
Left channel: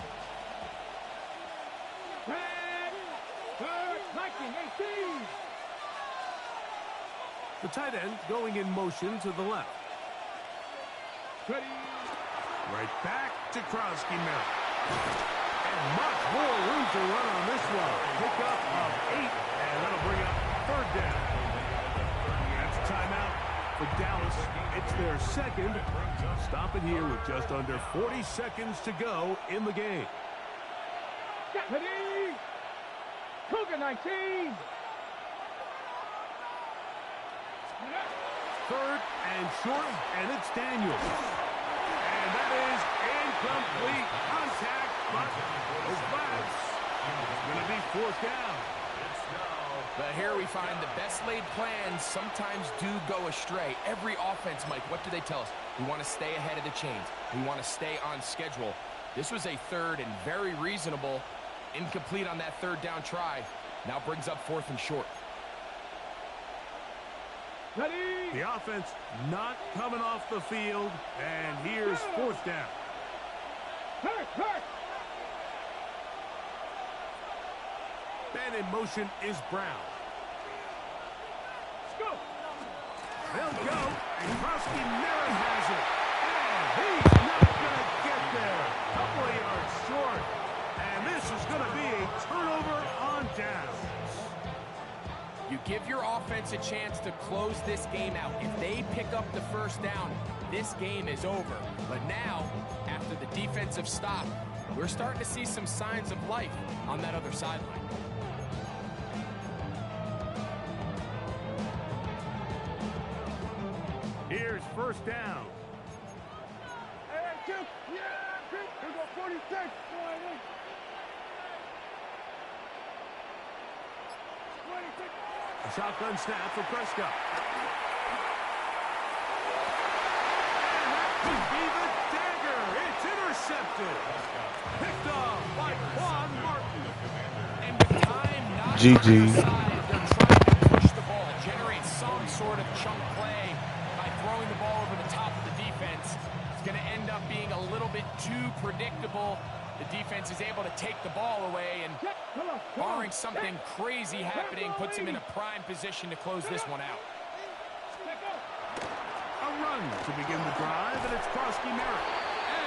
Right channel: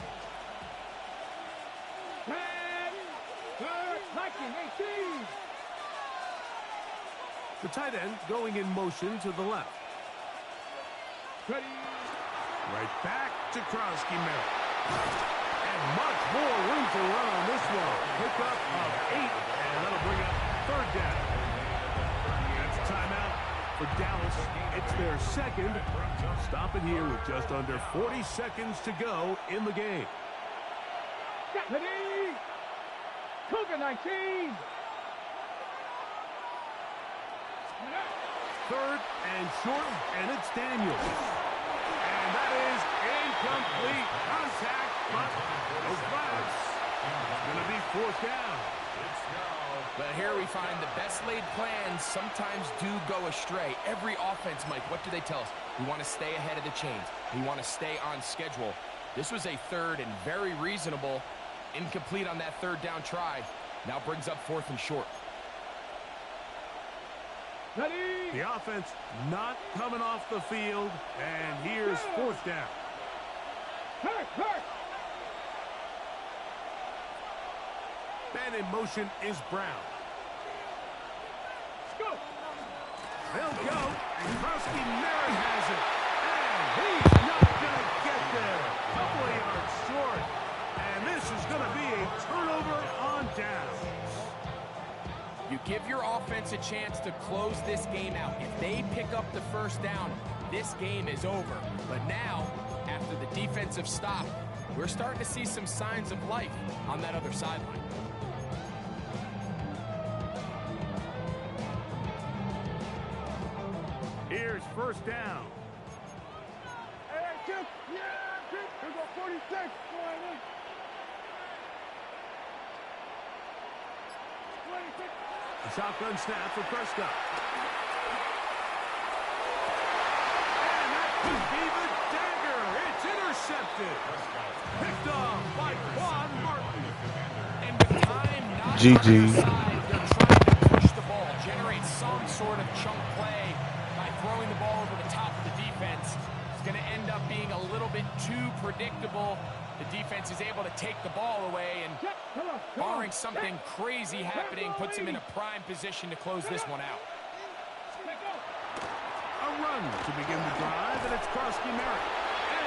The tight end going in motion to the left. Ready. Right back to Krosky Merrick. And much more room to run on this one. Pickup of 8, and that'll bring up 3rd down. That's a timeout for Dallas. It's their second. Stop it here with just under 40 seconds to go in the game. Ready? Cougar 19. Third and short, and it's Daniels. And that is incomplete contact, but no flags. It's going to be fourth down. But here we find the best laid plans sometimes do go astray. Every offense, Mike, what do they tell us? We want to stay ahead of the chains. We want to stay on schedule. This was a third and very reasonable. Incomplete on that third down try. Now brings up fourth and short. Ready? The offense not coming off the field, and here's fourth down. Hurt. Man in motion is Brown. Let's go. They'll go, and Krosky Merritt has it. And he's not going to get there. Couple of yards short. And this is going to be a turnover on downs. You give your offense a chance to close this game out. If they pick up the first down, this game is over. But now, after the defensive stop, we're starting to see some signs of life on that other sideline. Here's first down. Hey, Chip. Yeah, Chip. Here go 46. Go ahead. 26. A shotgun snap for Prescott. And that could be the dagger. It's intercepted. Picked off by Quan Martin. And with time not GG. on their side, they're trying to push the ball, generate some sort of chunk play by throwing the ball over the top of the defense. It's going to end up being a little bit too predictable. The defense is able to take the ball away, and barring something crazy happening, puts them in a prime position to close this one out. A run to begin the drive, and it's Krosky Merritt.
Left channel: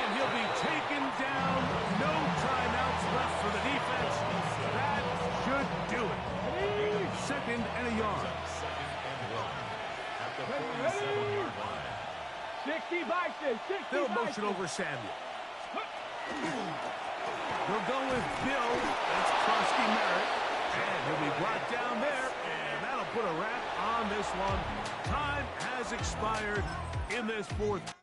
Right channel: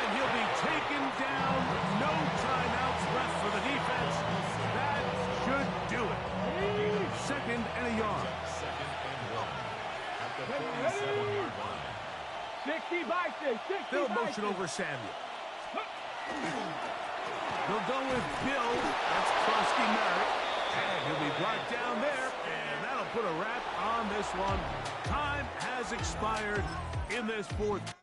And he'll be taken down. No timeouts left for the defense. That should do it. Second and a yard. Second and 1 at the 47-yard line. 60 boxes. 60 They'll boxes. motion over Samuel. They'll go with Bill. That's Krosky Merritt. And he'll be brought down there. And that'll put a wrap on this one. Time has expired in this fourth.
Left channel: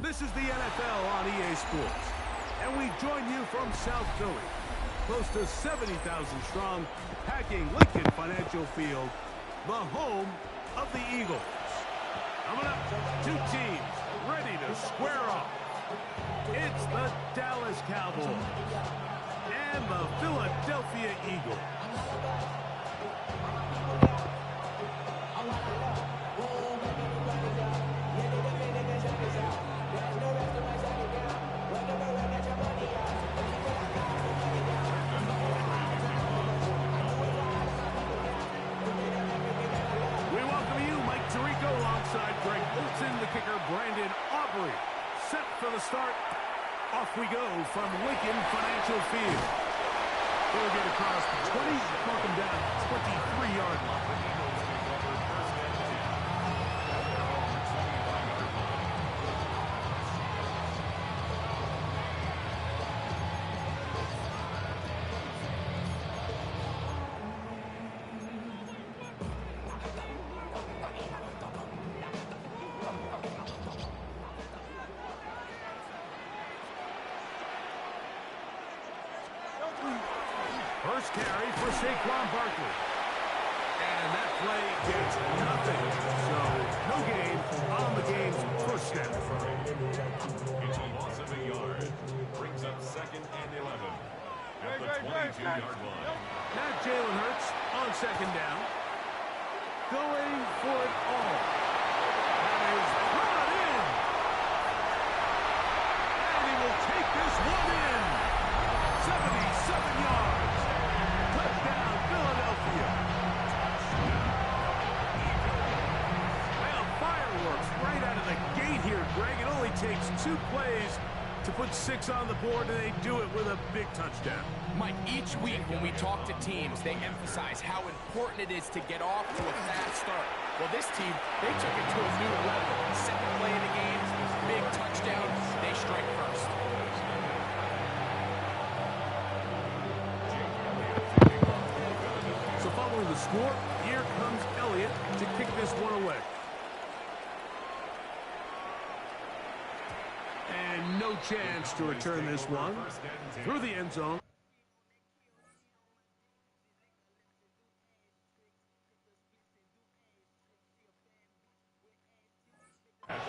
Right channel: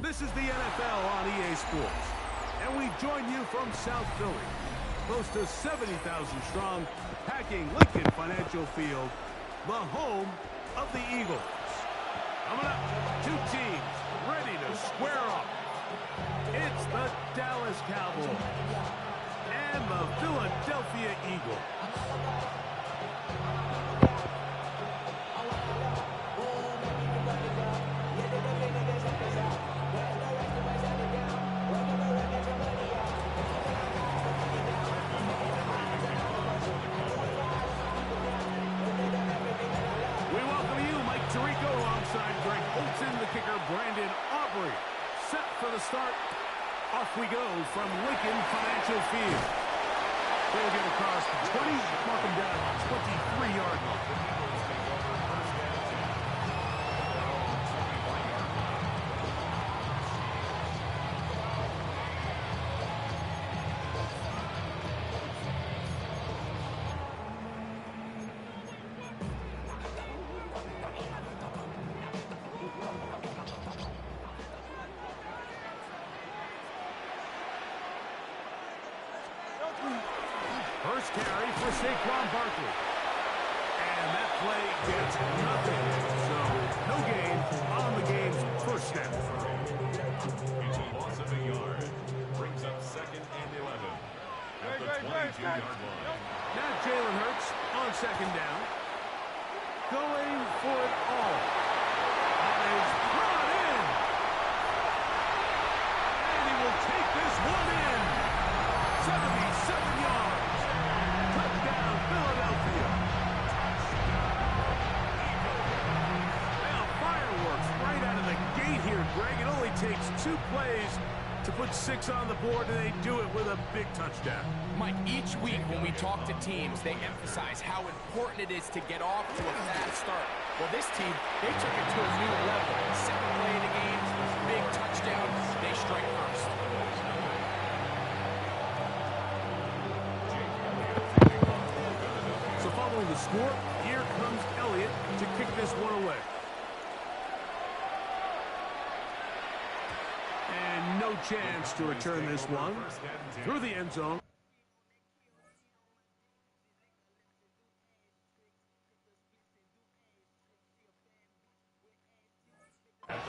This is the NFL on EA Sports, and we join you from South Philly, close to 70,000 strong, packing Lincoln Financial Field, the home of the Eagles. Coming up, two teams ready to square off. It's the Dallas Cowboys and the Philadelphia Eagles. We welcome you, Mike Tirico, alongside Greg Olson, the kicker, Brandon Aubrey. Set for the start. Off we go from Lincoln Financial Field. They'll get across the 20, mark them down 23-yard line. The Eagles take over first and 10 at their own 25-yard line. first carry for Saquon Barkley. And that play gets nothing. So, no gain on the game's first snap. It's a loss of a yard. Brings up 2nd and 11 at the 22-yard line. Now Jalen Hurts on 2nd down. Going for it all. That is brought in. And he will take this one in. 77 yards. Touchdown, Philadelphia. Well, fireworks right out of the gate here, Greg. It only takes 2 plays to put 6 on the board, and they do it with a big touchdown. Mike, each week when we talk to teams, they emphasize how important it is to get off to a fast start. Well, this team, they took it to a new level. 2nd play of the game, big touchdown, they strike first. So following the score, here comes Elliott to kick this one away. And no chance to return this one through the end zone.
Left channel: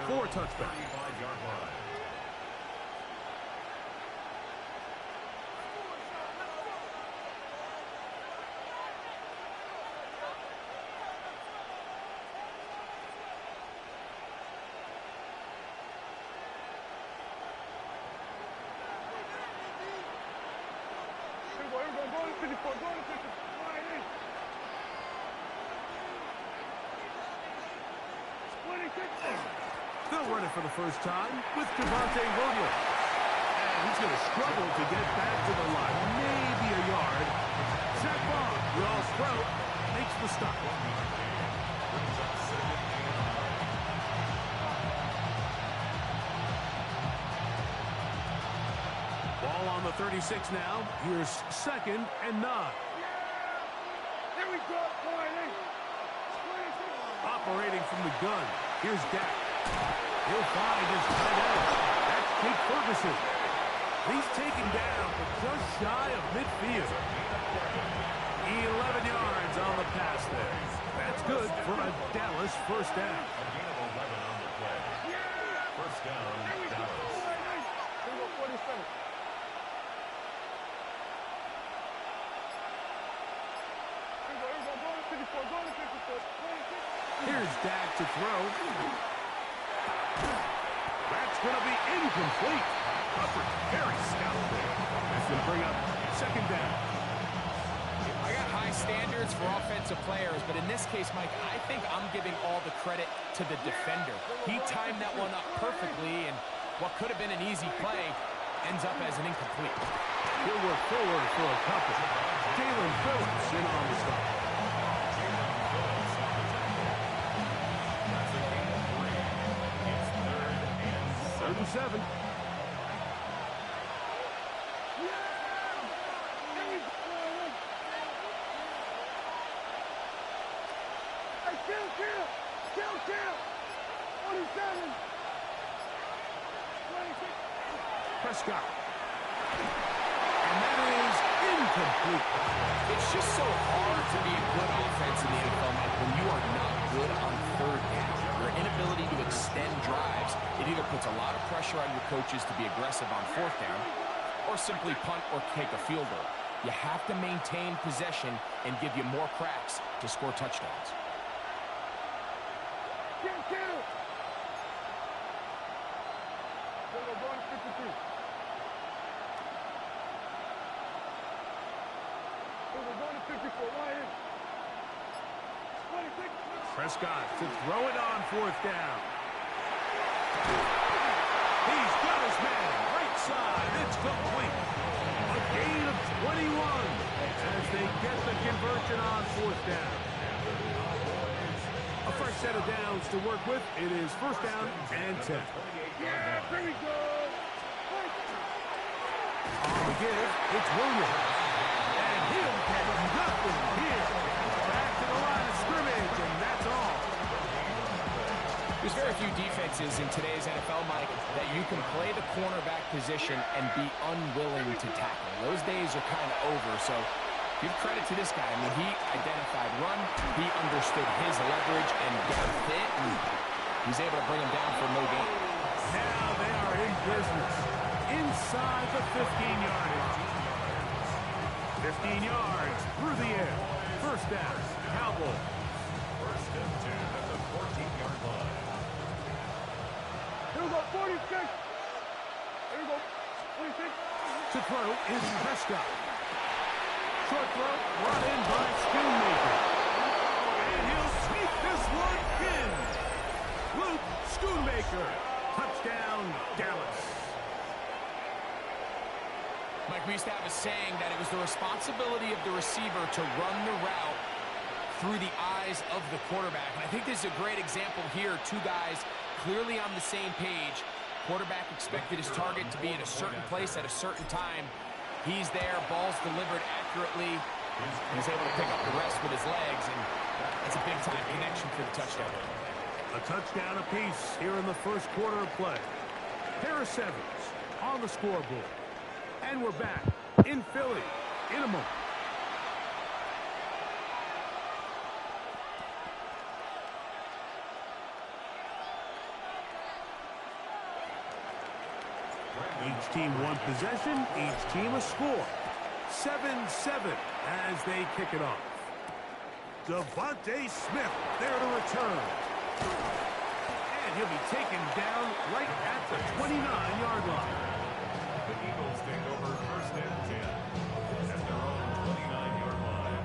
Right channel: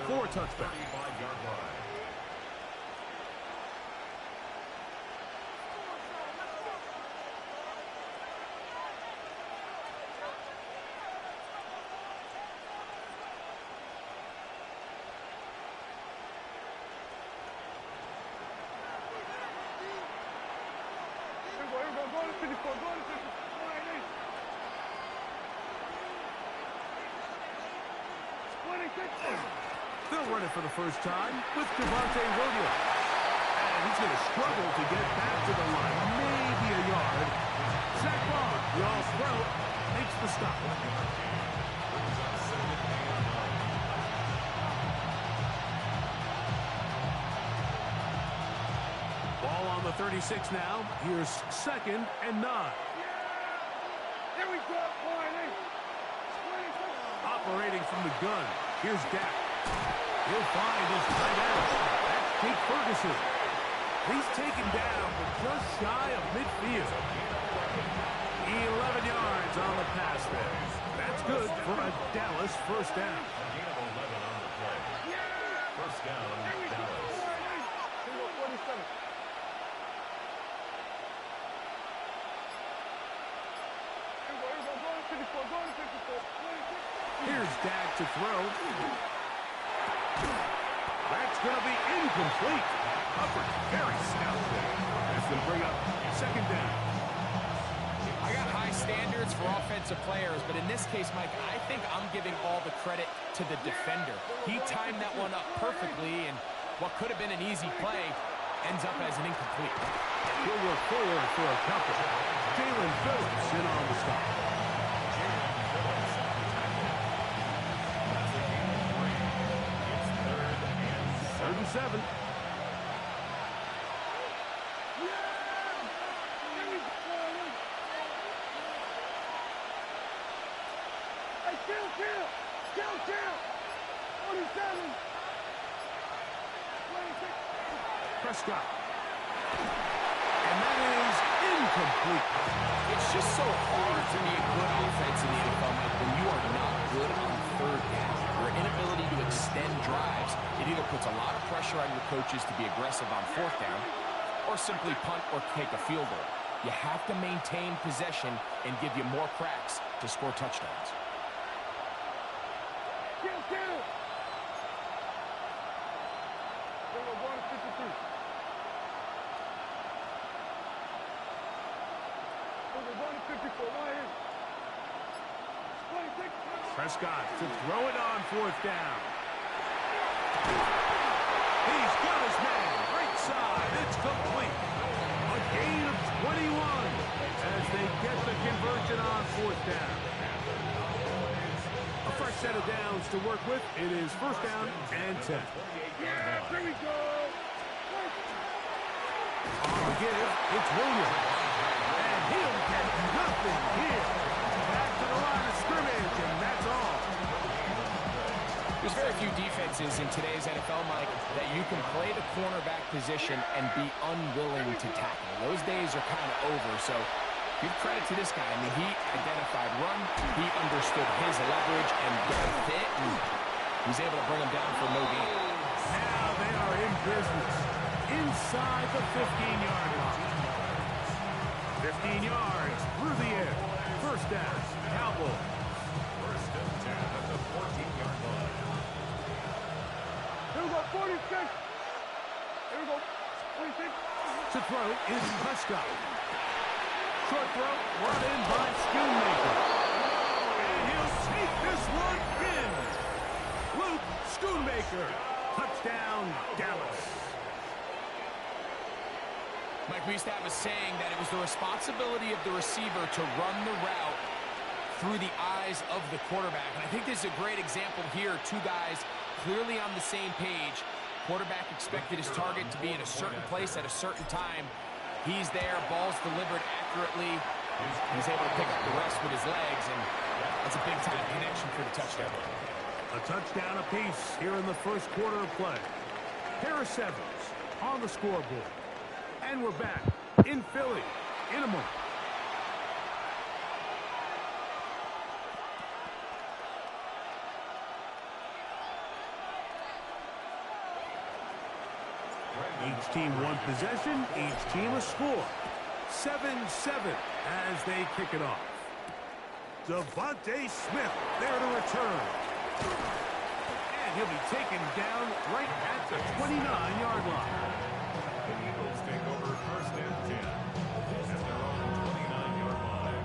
For a touchback. 35-yard line. Go to 54, go to 54. They'll run it for the first time with Javonte Williams. And he's going to struggle to get back to the line. Maybe a yard. Zach Bond, the all-pro, makes the stop. Ball on the 36 now. Here's 2nd and 9. Here we go, boy. Operating from the gun. Here's Dak. He'll find his tight end. That's Jake Ferguson. He's taken down, but just shy of midfield. 11 yards on the pass there. That's good for a Dallas first down. A gain of 11 on the play. First down, Dallas. 47. Here's Dak to throw. That's going to be incomplete. Hubbard, very stout there. That's going to bring up 2nd down. I got high standards for offensive players, but in this case, Mike, I think I'm giving all the credit to the defender. He timed that one up perfectly, and what could have been an easy play ends up as an incomplete. He'll work forward for a couple. Jalen Phillips in on the stop. Jalen Phillips on the tackle. That's a gain of 3. It's 3rd and 7. 3rd and 7. Kill. 47. 26. Prescott. And that is incomplete. It's just so hard to be a good offense in the NFL, Mike, when you are not good on 3rd down. Your inability to extend drives, it either puts a lot of pressure on your coaches to be aggressive on 4th down, or simply punt or take a field goal. You have to maintain possession and give you more cracks to score touchdowns. Kill. We're going to 53. We're going to 54. Right here. 26. Prescott to throw it on 4th down. He's got his man. Right side. It's complete. A gain of 21 as they get the conversion on 4th down. A fresh set of downs to work with. It is 1st down and 10. Yeah, here we go. On the give, it's Williams. And he'll get nothing here. Back to the line of scrimmage, and that's all. There's very few defenses in today's NFL, Mike, that you can play the cornerback position and be unwilling to tackle. Those days are kind of over, so Give credit to this guy. I mean, he identified run, he understood his leverage and depth it, and he's able to bring him down for no gain. Now they are in business inside the 15-yard line. 15 yards through the air. First down, Cowboys. First and 10 at the 14-yard line. Here we go, 46. Here we go, 46. To throw is Prescott. Short throw brought in by Schoonmaker. And he'll take this one in. Luke Schoonmaker. Touchdown, Dallas. Mike, we used to have a saying that it was the responsibility of the receiver to run the route through the eyes of the quarterback. And I think this is a great example here. Two guys clearly on the same page. Quarterback expected his target to be in a certain place at a certain time. He's there, ball's delivered accurately. He's able to pick up the rest with his legs, and that's a big-time connection for the touchdown. A touchdown apiece here in the first quarter of play. Pair of sevens on the scoreboard. And we're back in Philly in a moment. Each team one possession, each team a score. 7-7 as they kick it off. Devontae Smith there to return. And he'll be taken down right at the 29-yard line. The Eagles take over first and 10 at their own 29-yard line.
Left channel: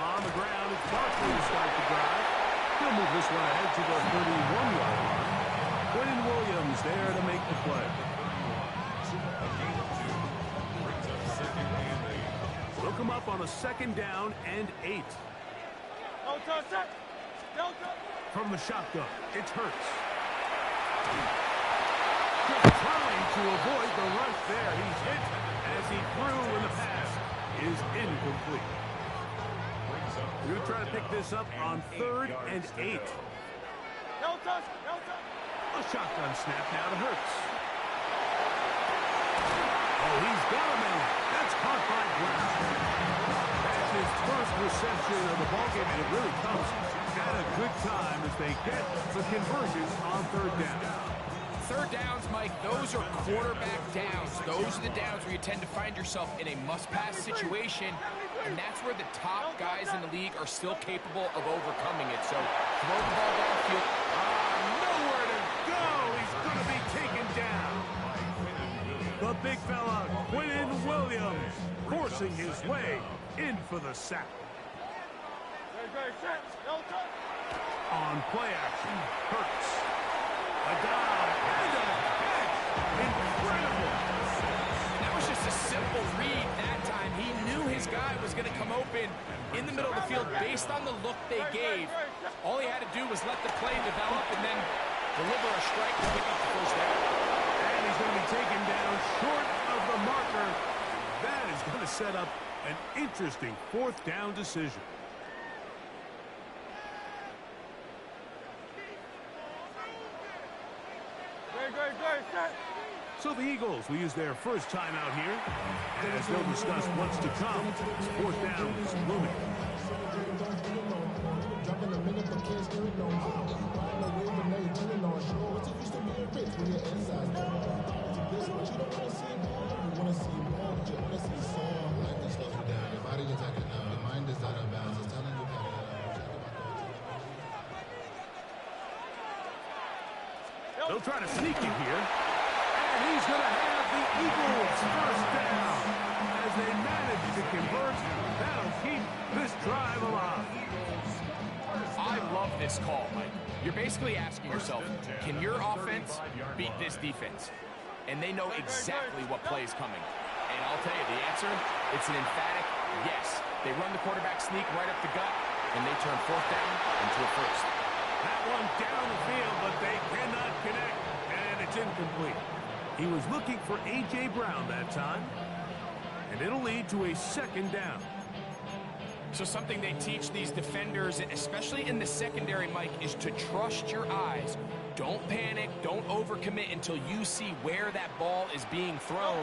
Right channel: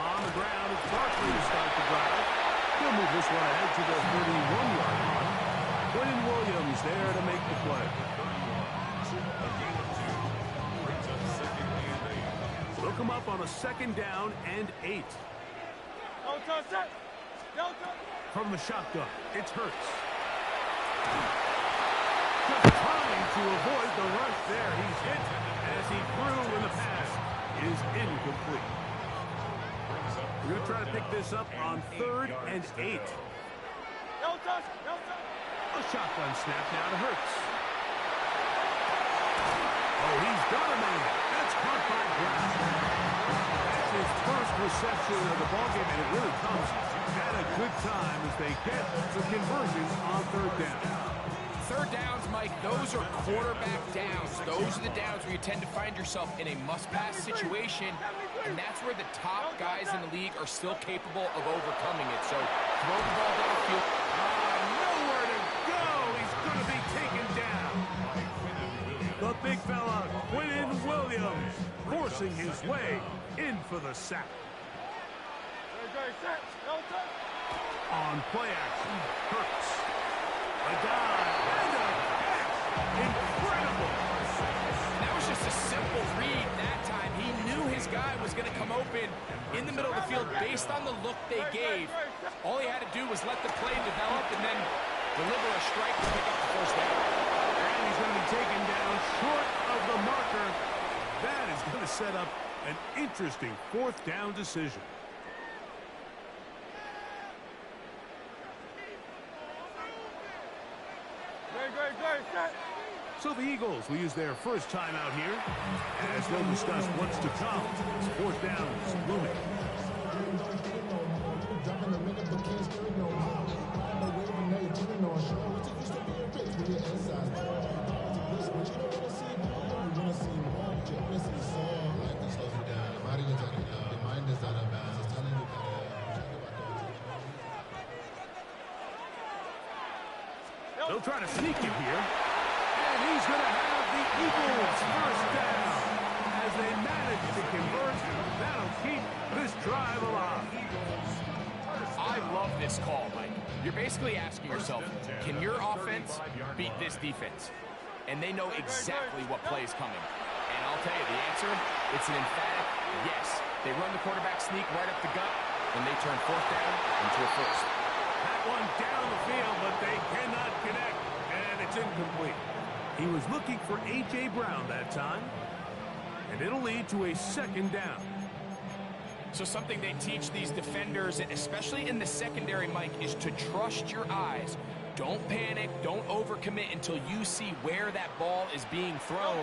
On the ground, it's Barkley to start the drive. He'll move this one ahead to the 31-yard line. Quentin Williams there to make the play. A gain of 2 brings up second and 8. They'll come up on a second down and 8. Delta, set. Delta. From the shotgun, it's Hurts. Just trying to avoid the rush there. He's hit as he threw, and the pass is incomplete. We're going to try to pick this up on 3rd and 8. Delta, Delta. A shotgun snap now to Hurts. Oh, he's got a man. That's caught by Brown. That's his first reception of the ballgame, and it really comes at a good time as they get the conversion on 3rd down. Third downs, Mike, those are quarterback downs. Those are the downs where you tend to find yourself in a must-pass situation, and that's where the top guys in the league are still capable of overcoming it. So throw the ball downfield. Nowhere to go. He's going to be taken down. The big fella, Quentin Williams, forcing his way in for the sack. Very set. Delta. On play action, Hurts. A dive and a catch. Incredible. That was just a simple read that time. He knew his guy was going to come open in the middle of the field based on the look they gave. All he had to do was let the play develop and then deliver a strike to pick up the first down. And he's going to be taken down short of the marker. And that is going to set up an interesting 4th down decision. Very set. So the Eagles will use their first time out here. As they'll discuss what's to come. 4th down is looming. Dropping a minute but can't steer it no more. Riding the wave and now you're turning on shore. What's it used to be a rich when your inside's gone? This, but you don't want to see more. You want to see more, but you only see some. Life that slows you down. Your body is acting up. Your mind is out of bounds. It's telling you about They'll try to sneak it here. And he's going to have the Eagles first down. As they manage to convert, that'll keep this drive alive. I love this call, Mike. You're basically asking yourself, can your offense beat this defense? And they know exactly what play is coming. And I'll tell you the answer, it's an emphatic yes. They run the quarterback sneak right up the gut, and they turn 4th down into a first. That one down the field, but they cannot connect, and it's incomplete. He was looking for A.J. Brown that time. and it'll lead to a second down. So something they teach these defenders, especially in the secondary, Mike, is to trust your eyes. Don't panic, don't overcommit until you see where that ball is being thrown.